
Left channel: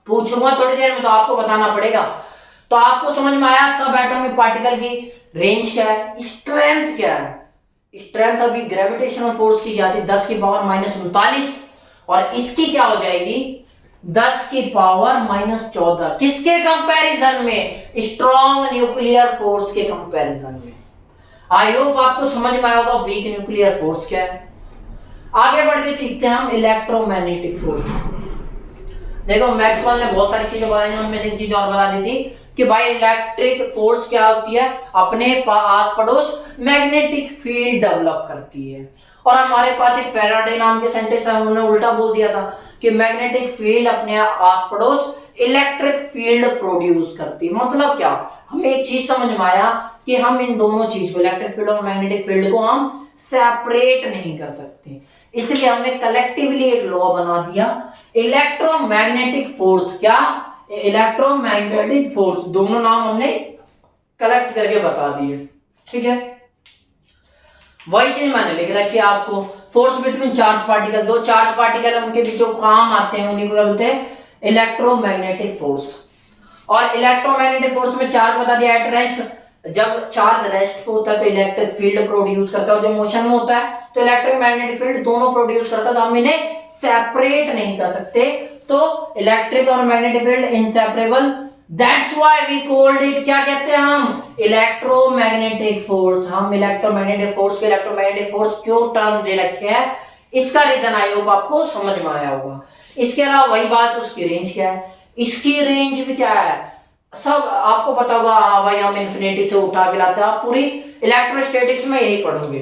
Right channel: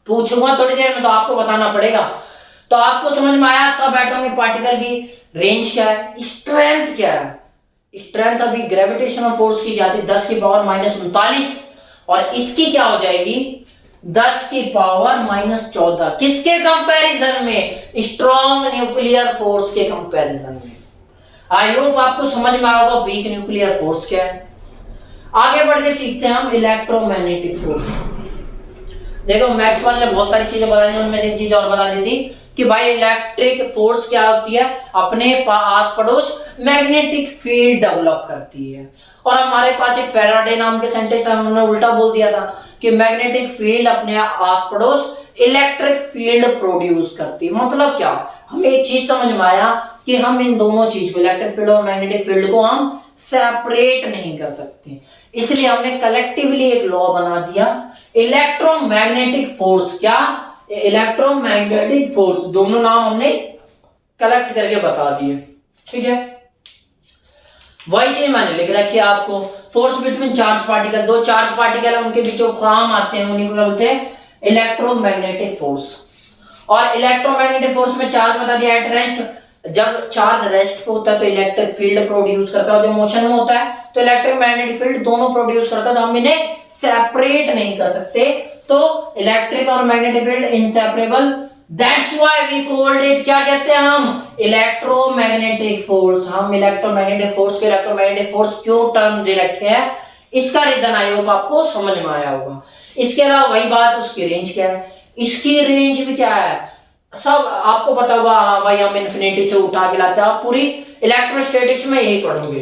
पूछूंगा थोड़ी देर में तो आपको बताना पड़ेगा। तो आपको समझ में आया सब एटॉमिक पार्टिकल की रेंज क्या है, स्ट्रेंथ क्या है। स्ट्रेंथ अभी ग्रेविटेशनल फोर्स की जाती है 10 की पावर -39, और इसकी क्या हो जाएगी 10 की पावर -14। किसके कंपैरिजन में, स्ट्रॉन्ग न्यूक्लियर फोर्स के कंपैरिजन में। आई होप आपको समझ में आया होगा वीक न्यूक्लियर फोर्स क्या है। आगे बढ़ के सीखते हैं हम इलेक्ट्रोमैग्नेटिक फोर्स। देखो मैक्सवेल ने बहुत सारी चीजें बताई, उनमें से एक चीज और बता दी थी कि भाई इलेक्ट्रिक फोर्स क्या होती है, अपने आस पड़ोस मैग्नेटिक फील्ड डेवलप करती है। और हमारे पास एक फैराडे नाम के साइंटिस्ट हैं, उन्होंने उल्टा बोल दिया था कि मैग्नेटिक फील्ड अपने आस पड़ोस इलेक्ट्रिक फील्ड प्रोड्यूस करती है। मतलब क्या, हमें एक चीज समझ में आया कि हम इन दोनों चीज को, इलेक्ट्रिक फील्ड और मैग्नेटिक फील्ड को हम सेपरेट नहीं कर सकते, इसलिए हमने कलेक्टिवली एक लॉ बना दिया, इलेक्ट्रोमैग्नेटिक फोर्स। क्या, इलेक्ट्रोमैग्नेटिक फोर्स, दोनों नाम हमने कलेक्ट करके बता दिए। ठीक है, वही चीज मैंने लिख रखी है आपको, फोर्स बिटवीन चार्ज पार्टिकल, दो चार्ज पार्टिकल है उनके बीच जो काम आते हैं उन्हीं को बोलते हैं इलेक्ट्रोमैग्नेटिक फोर्स। और इलेक्ट्रोमैग्नेटिक फोर्स में चार्ज बता दिया एट रेस्ट, जब चार्ज रेस्ट पे होता है तो इलेक्ट्रिक फील्ड प्रोड्यूस करता है, जो मोशन में होता है तो इलेक्ट्रिक मैग्नेटिक फील्ड दोनों प्रोड्यूस करता है, तो हम इन्हें सेपरेट नहीं कर सकते। तो इलेक्ट्रिक और magnetic field inseparable, that's why we called it, क्या कहते हैं हम, इलेक्ट्रोमैग्नेटिक फोर्स। हम इलेक्ट्रोमैग्नेटिक फोर्स के इलेक्ट्रोमैग्नेटिक फोर्स क्यों टर्म दे रखे हैं, इसका रीजन आई होप आपको समझ में आया होगा। इसके अलावा वही बात, उसकी रेंज क्या है, इसकी रेंज भी क्या है, सब आपको पता होगा। हाँ भाई, हम इन्फिनिटी से उठा के लाते हैं, आप पूरी इलेक्ट्रोस्टैटिक्स में यही पढ़ोगे।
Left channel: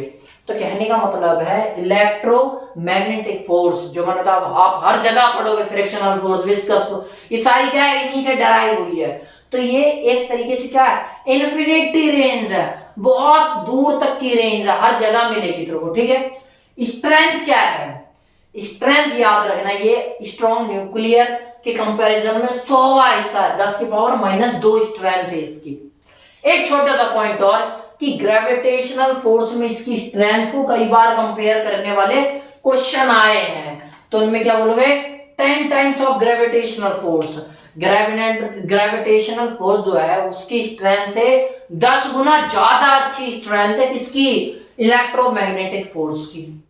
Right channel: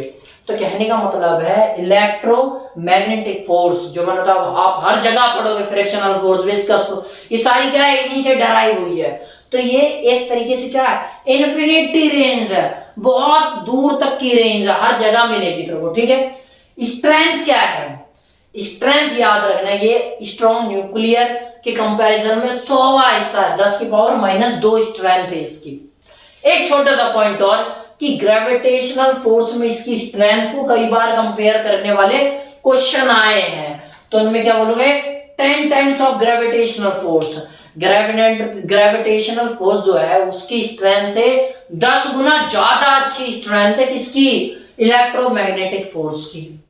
तो कहने का मतलब है इलेक्ट्रोमैग्नेटिक फोर्स, जो मतलब आप हर जगह पढ़ोगे, फ्रिक्शनल फोर्स, विस्कस, ये सारी क्या है, इन्हीं से डराई हुई है। तो ये एक तरीके से क्या है, इन्फिनिटी रेंज है, बहुत दूर तक की रेंज है, हर जगह मिलेगी तुमको। ठीक है, स्ट्रेंथ क्या है, स्ट्रेंथ याद रखना, ये स्ट्रॉन्ग न्यूक्लियर के कंपैरिजन में 100वां हिस्सा है, 10 की पावर -2 स्ट्रेंथ है इसकी। एक छोटा सा पॉइंट और कि ग्रेविटेशनल फोर्स में इसकी स्ट्रेंथ को कई बार कंपेयर करने वाले क्वेश्चन आए हैं, तो उनमें क्या बोलोगे 10 times of gravitational force. Gravitational force जो है उसकी स्ट्रेंथ है 10 गुना ज्यादा अच्छी स्ट्रेंथ है किसकी, इलेक्ट्रोमैग्नेटिक फोर्स की।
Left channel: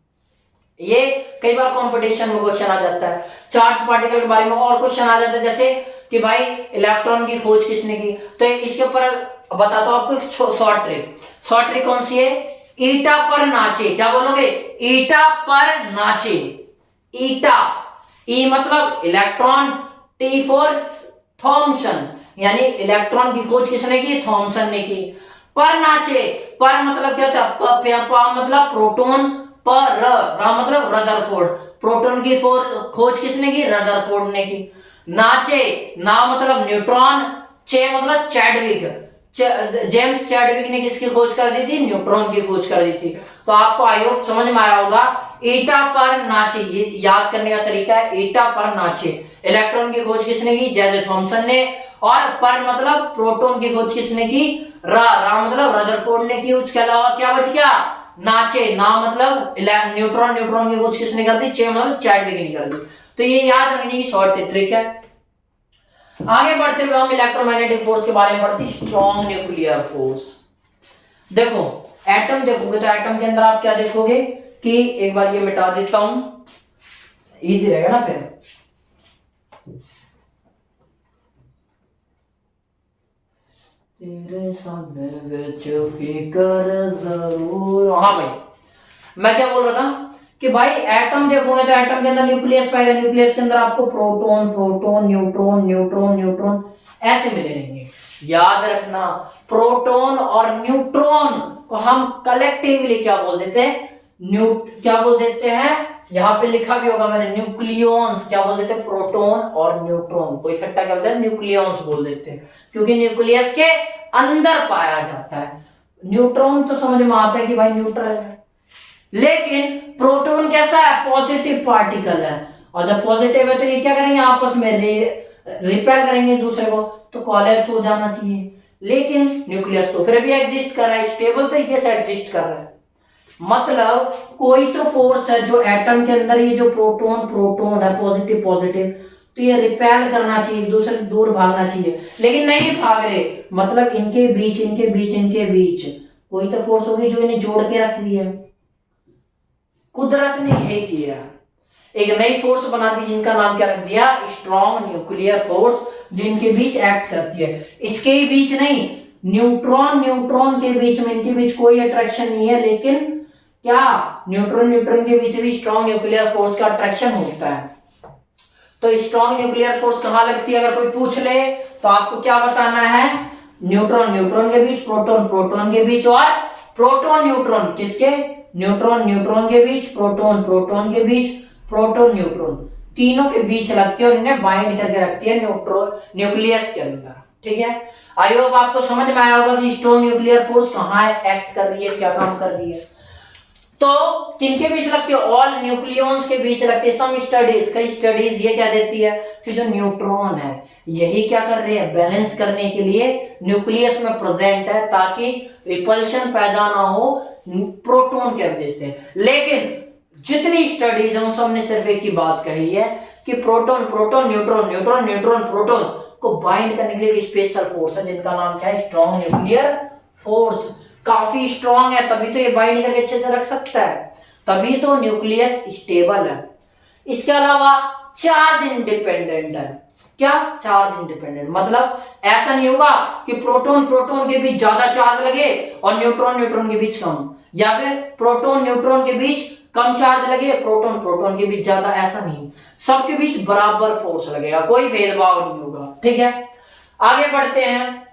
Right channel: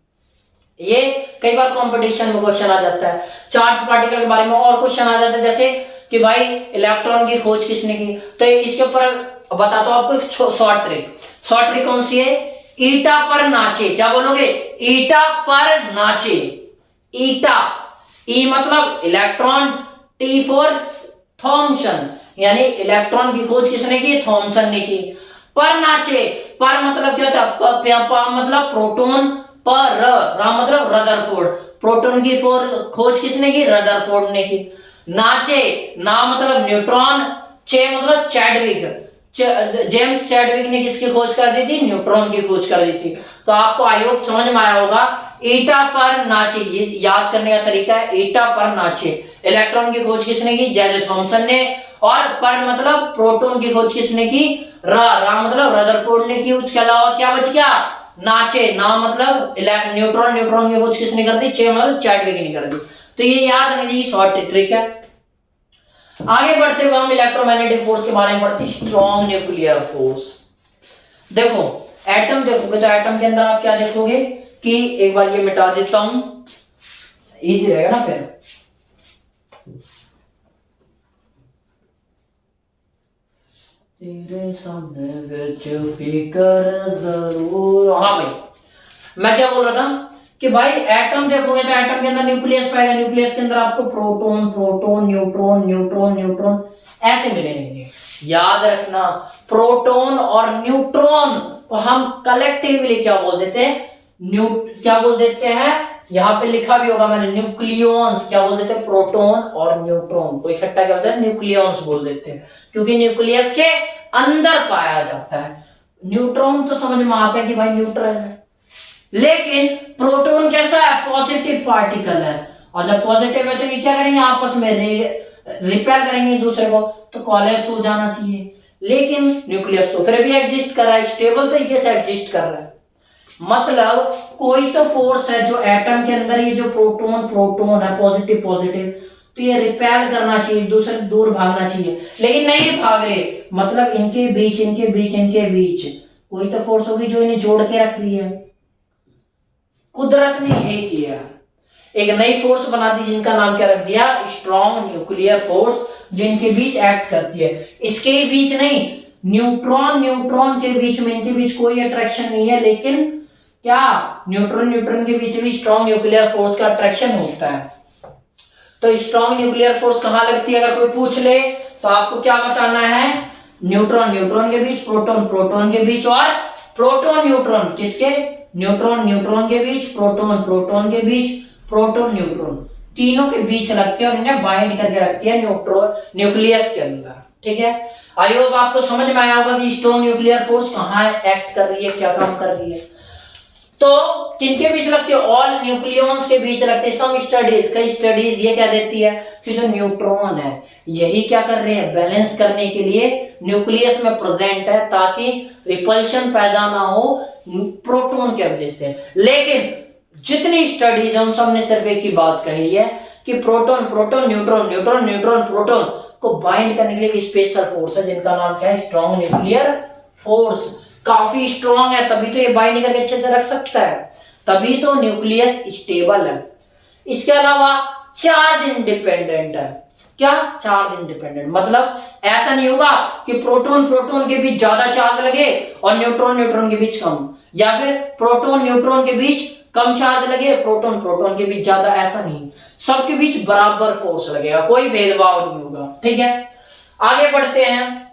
ये कई बार कंपटीशन में क्वेश्चन आ जाता है। चार्ज पार्टिकल के बारे में और क्वेश्चन आ जाता है, जैसे कि भाई इलेक्ट्रॉन की खोज किसने की, तो इसके ऊपर बताता हूं आपको एक शॉर्ट ट्रिक। शॉर्ट ट्रिक कौन सी है, ईटा पर नाचे, क्या बोलोगे, ईटा पर नाचे। ईटा, ई मतलब इलेक्ट्रॉन, टी फॉर थॉमसन, यानी इलेक्ट्रॉन की खोज किसने की, थॉमसन ने की। पर नाचे, पर मतलब क्या होता है, मतलब प्रोटॉन, पर मतलब रदरफोर्ड, प्रोटॉन की खोज किसने की, रदरफोर्ड ने की। नाचे, ना मतलब न्यूट्रॉन, चे मतलब चैडविक, जेम्स चैडविक ने किसकी खोज कर दी थी, न्यूट्रॉन की खोज कर दी थी। तो आपको आई होप समझ में आया होगा, ईटा पर नाचे, ये याद करने का तरीका है, ईटा पर नाचे। इलेक्ट्रॉन की खोज किसने की, जे थॉमसन ने, और पर मतलब प्रोटॉन की खोज किसने की, रा मतलब रदरफोर्ड ने की। उसके अलावा क्या बच गया, नाचे, ना मतलब न्यूट्रॉन, न्यूट्रॉन की खोज किसने कर दी, चे मतलब चैडविक ने कर दी। तो ये याद रखना, ये शॉर्ट ट्रिक है। आगे बढ़ते हुए हम इलेक्ट्रोमैग्नेटिक फोर्स के बारे में पढ़ते हैं, स्ट्रॉन्ग न्यूक्लियर फोर्स। देखो एटम देखोगे तो एटम के अंदर आप क्या देखोगे कि, एक बार ये मिटा देता हूं, इजी रहेगा ना फिर। तेरे सामने विच फिकर जरूर, हाँ भाई मैं क्या बोल रहा था कि भाई एटम देखोगे तो एटम के अंदर न्यूक्लियस पाएगा, न्यूक्लियस के अंदर आपको proton, proton, neutron, neutron, neutron ऐसे मिले रहेंगे। याद रखना, प्रोटॉन और न्यूट्रॉन को हम कलेक्टिवली क्या बोल देते हैं, क्या बोल देते हैं, यहां पे लिखा भी होगा मैंने, न्यूक्लियॉन्स। क्या बोल देते हैं, प्रोटॉन और न्यूट्रॉन को इकट्ठा क्या बोलते हैं, न्यूक्लियॉन्स बोल देते हैं, क्योंकि न्यूक्लियस के अंदर पाया जाता है। न्यूट्रॉन तो समझ में आता है कि भाई न्यूट्रल है, लेकिन प्रोटॉन कैसा है, पॉजिटिव पार्टिकल है, और जब पॉजिटिव है तो ये क्या करेंगे, आपस में रिपेल करेंगे एक दूसरे को, तो कोलैप्स हो जाना चाहिए। लेकिन न्यूक्लियस तो फिर भी एग्जिस्ट कर रहा है, स्टेबल तरीके से एग्जिस्ट कर रहा है। मतलब कोई तो फोर्स है जो एटम के अंदर, ये जो प्रोटॉन, प्रोटॉन है पॉजिटिव पॉजिटिव, तो ये रिपेल करना चाहिए, दूसरे से दूर भागना चाहिए, लेकिन नहीं भाग रहे। मतलब इनके बीच, इनके बीच, इनके बीच कोई तो फोर्स होगी जो इन्हें जोड़ के रख रही है। कुदरत ने यही किया, एक नई फोर्स बना दी जिनका नाम क्या रख दिया, स्ट्रॉन्ग न्यूक्लियर फोर्स, जिनके बीच एक्ट करती है। इसके ही बीच नहीं, न्यूट्रॉन न्यूट्रॉन के बीच में, इनके बीच कोई अट्रैक्शन नहीं है, लेकिन क्या न्यूट्रॉन न्यूट्रॉन के बीच भी स्ट्रॉन्ग न्यूक्लियर फोर्स का अट्रैक्शन होता है। तो स्ट्रॉन्ग न्यूक्लियर फोर्स कहां लगती है, अगर कोई पूछ ले तो आपको क्या बताना है, न्यूट्रॉन न्यूट्रॉन के बीच, प्रोटॉन प्रोटॉन के बीच, और प्रोटॉन न्यूट्रॉन किसके, न्यूट्रॉन न्यूट्रॉन के बीच, प्रोटॉन प्रोटॉन के बीच, प्रोटॉन न्यूट्रॉन तीनों के बीच लगती है और इन्हें बाइंड करके रखती है न्यूक्लियस के अंदर। ठीक है, आई होप आपको समझ में आया होगा कि स्ट्रॉन्ग न्यूक्लियर फोर्स कहां एक्ट कर रही है, क्या काम कर रही है। तो किनके बीच लगती है, ऑल न्यूक्लियॉन्स के बीच लगती है। सम स्टडीज, कई स्टडीज ये कह देती है कि जो न्यूट्रॉन है यही क्या कर रहे हैं, बैलेंस करने के लिए न्यूक्लियस में प्रेजेंट है, ताकि रिपल्शन पैदा ना हो प्रोटॉन के वजह से। लेकिन जितनी स्टडीज है उन सब ने सिर्फ एक ही बात कही है कि proton proton neutron neutron neutron proton को बाइंड करने के लिए स्पेशल फोर्स है, जिनका नाम क्या है, स्ट्रॉन्ग न्यूक्लियर फोर्स। काफी स्ट्रॉन्ग है, तभी तो ये बाइंड करके अच्छे से रख सकता है, तभी तो न्यूक्लियस स्टेबल है। इसके अलावा चार्ज इंडिपेंडेंट है। क्या, चार्ज इंडिपेंडेंट मतलब ऐसा नहीं होगा कि प्रोटॉन प्रोटॉन के बीच ज्यादा चार्ज लगे और न्यूट्रॉन न्यूट्रॉन के बीच कम, या फिर प्रोटॉन न्यूट्रॉन के बीच कम चार्ज लगे, प्रोटॉन प्रोटॉन के बीच ज्यादा, ऐसा नहीं। सबके बीच बराबर फोर्स लगेगा, कोई भेदभाव नहीं होगा। ठीक है, आगे बढ़ते हैं,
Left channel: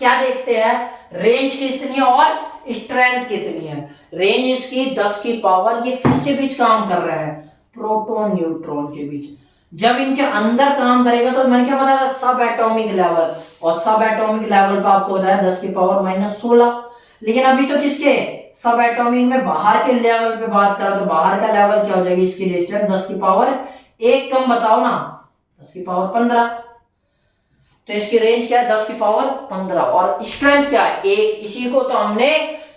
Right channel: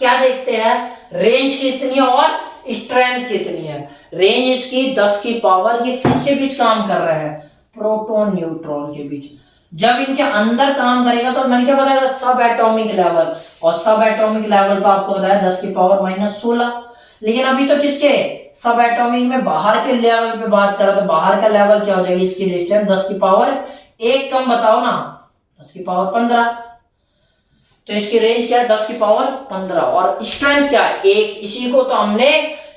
क्या देखते हैं, रेंज कितनी और स्ट्रेंथ कितनी है। रेंज इसकी 10 की पावर, ये किसके बीच काम कर रहा है, प्रोटॉन न्यूट्रॉन के बीच। जब इनके अंदर काम करेगा तो मैंने क्या बताया, सब एटॉमिक लेवल, और सब एटॉमिक लेवल पर आपको बताया 10 की पावर -16। लेकिन अभी तो किसके, सब एटॉमिक में बाहर के लेवल पे बात करो तो बाहर का लेवल क्या हो जाएगी इसकी डिस्टेंस 10 की पावर 1 कम बताओ ना 10 की पावर 15। तो इसकी रेंज क्या है 10 की पावर 15 और स्ट्रेंथ क्या है 1। इसी को तो हमने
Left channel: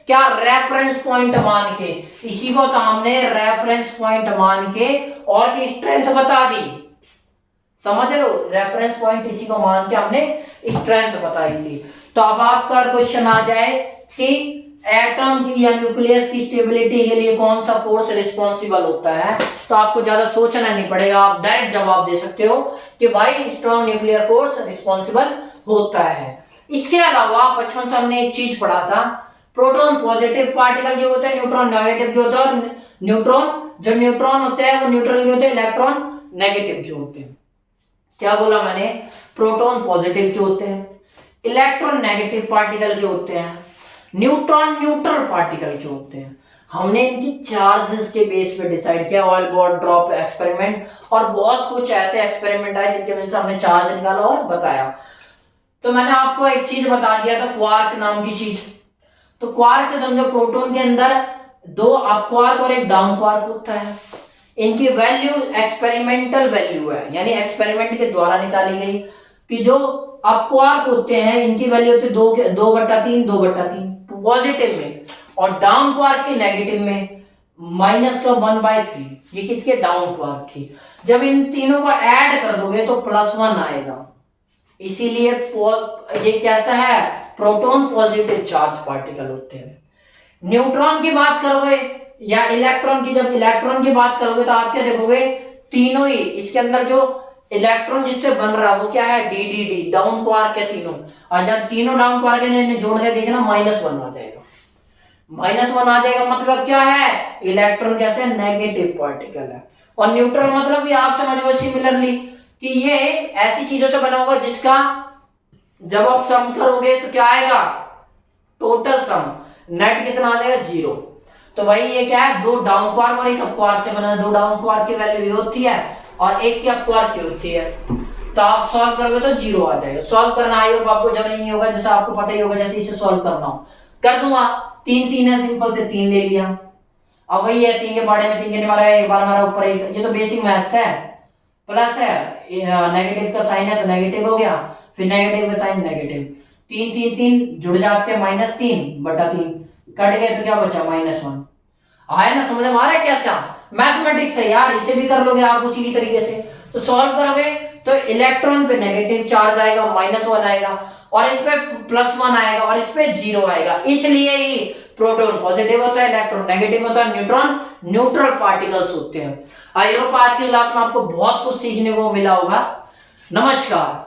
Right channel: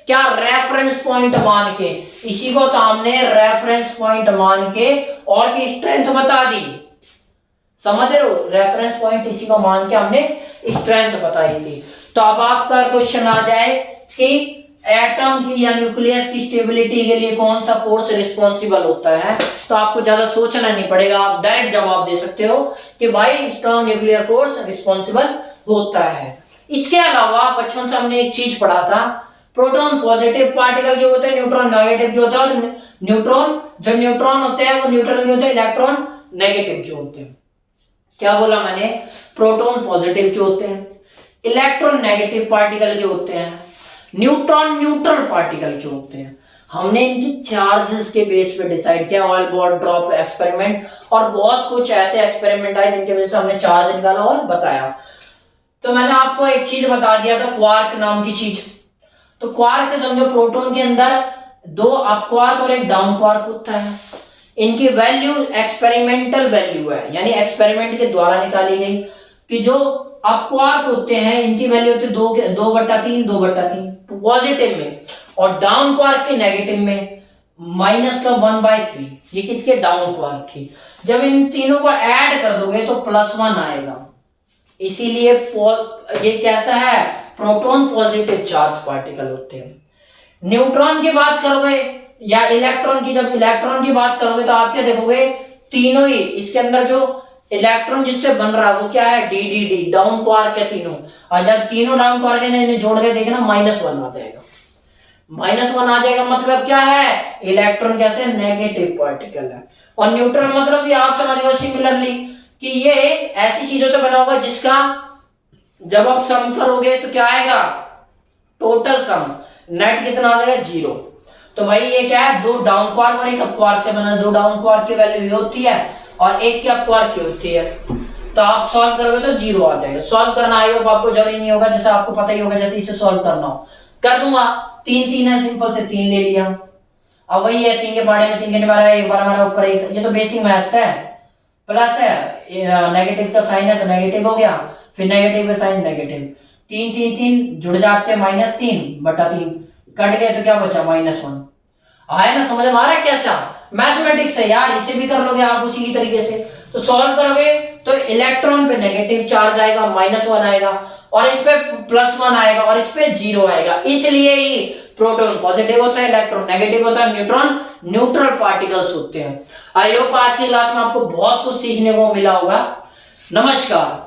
क्या रेफरेंस पॉइंट मान के, इसी को तो हमने रेफरेंस पॉइंट मान के और की स्ट्रेंथ बता दी, समझ रहे हो। रेफरेंस पॉइंट इसी को मान के हमने स्ट्रेंथ बताई थी। तो अब आपका क्वेश्चन आ जाए कि एटम की या न्यूक्लियस की स्टेबिलिटी के लिए कौन सा फोर्स रिस्पॉन्सिबल होता है, तो आपको ज्यादा सोचना नहीं पड़ेगा, आप डायरेक्ट जवाब दे सकते हो कि भाई स्ट्रॉन्ग न्यूक्लियर फोर्स रिस्पॉन्सिबल होता है। इसके अलावा बचपन से हमने एक चीज पढ़ा था, प्रोटॉन पॉजिटिव पार्टिकल जो होते हैं, न्यूट्रॉन नेगेटिव जो होता है, और न्यूट्रॉन जब न्यूट्रॉन होते हैं वो न्यूट्रल जो होते हैं, इलेक्ट्रॉन नेगेटिव जो होते हैं। क्या बोला मैंने, प्रोटॉन पॉजिटिव जो होते हैं, इलेक्ट्रॉन नेगेटिव पार्टिकल जो होते हैं, न्यूट्रॉन न्यूट्रल पार्टिकल जो होते हैं। हमने इनकी चार्जेस के बेस पे डिसाइड किया, ऑयल बॉल ड्रॉप एक्सपेरिमेंट और बहुत कुछ ऐसे एक्सपेरिमेंट आए जिनके वजह से हमने चार्ज निकाला और बताया। तो मैंने आपको एक चीज बता दिया था, क्वार्क नाम की चीज। तो क्वार्क से समझो प्रोटॉन के अंदर 2 अप क्वार्क और एक डाउन क्वार्क होता है। इनकी वैल्यू एक्सपेरिमेंटल वैल्यू है, यानी एक्सपेरिमेंट के द्वारा निकाली गई, कि जो अप क्वार्क होते हैं इनकी वैल्यू होती है 2/3 पॉजिटिव में, और डाउन क्वार्क के नेगेटिव में -1/3। ये किसके, डाउन क्वार्क की। जब इन तीनों को ऐड कर दोगे तो +1 आएगा। इसीलिए ये कैसा है, प्रोटॉन पॉजिटिव चार्ज पार्टिकल होते हैं। न्यूट्रॉन की बात करोगे या इलेक्ट्रॉन की, जब इलेक्ट्रॉन की बात करोगे तो आप क्या देखोगे, तीनों ही इसके अंदर जो इलेक्ट्रॉन जिससे बन रहा है वो क्या है, DDD, डाउन क्वार्क है तीनों। और जब तीनों डाउन क्वार्क है जोड़ के देखना -1 आ जाएगा, -1 आ जाएगा। मतलब क्या है, इलेक्ट्रॉन कैसे, नेगेटिव पार्टिकल है। और न्यूट्रल मतलब भी आप समझ गए सिमिलरली कि ये ऐसी चीजों से बना होगा जिसका जब आप सम करोगे तो क्या आएगा, टोटल सम नेट कितना आ जाएगा, 0। तो भाई ये क्या है, 2 डाउन क्वार्क और 1 अप क्वार्क से बना। 2 डाउन क्वार्क की वैल्यू ये होती है और 1 की अप क्वार्क की होती है। तो आप सॉल्व करोगे तो 0 आ जाएगा। सॉल्व करना आई होगा आपको जरूरी नहीं होगा, जैसे आपको पता ही होगा, जैसे इसे सॉल्व करना हो कर दूंगा। 3 है, सिंपल से 3 ले लिया। अब वही है, 3 के बारे में 3 के बारे में 1 बार हमारा ऊपर 1, ये तो बेसिक मैथ्स है। प्लस है, नेगेटिव का साइन है तो नेगेटिव हो गया, फिर नेगेटिव का साइन नेगेटिव। 3 जुड़ जाते हैं, -3/3 कट गए तो क्या बचा, -1। आया ना, समझ में आ रहा है कैसा मैथमेटिक्स है यार, इसे भी कर लोगे आप उसी की तरीके से। तो सॉल्व करोगे तो इलेक्ट्रॉन पे नेगेटिव चार्ज आएगा, -1 आएगा, और इस पे +1 आएगा, और इस पे 0 आएगा। इसलिए ही प्रोटॉन पॉजिटिव होता है, इलेक्ट्रॉन नेगेटिव होता है, न्यूट्रॉन न्यूट्रल पार्टिकल्स होते हैं। आई होप आज की क्लास में आपको बहुत कुछ सीखने को मिला होगा। नमस्कार।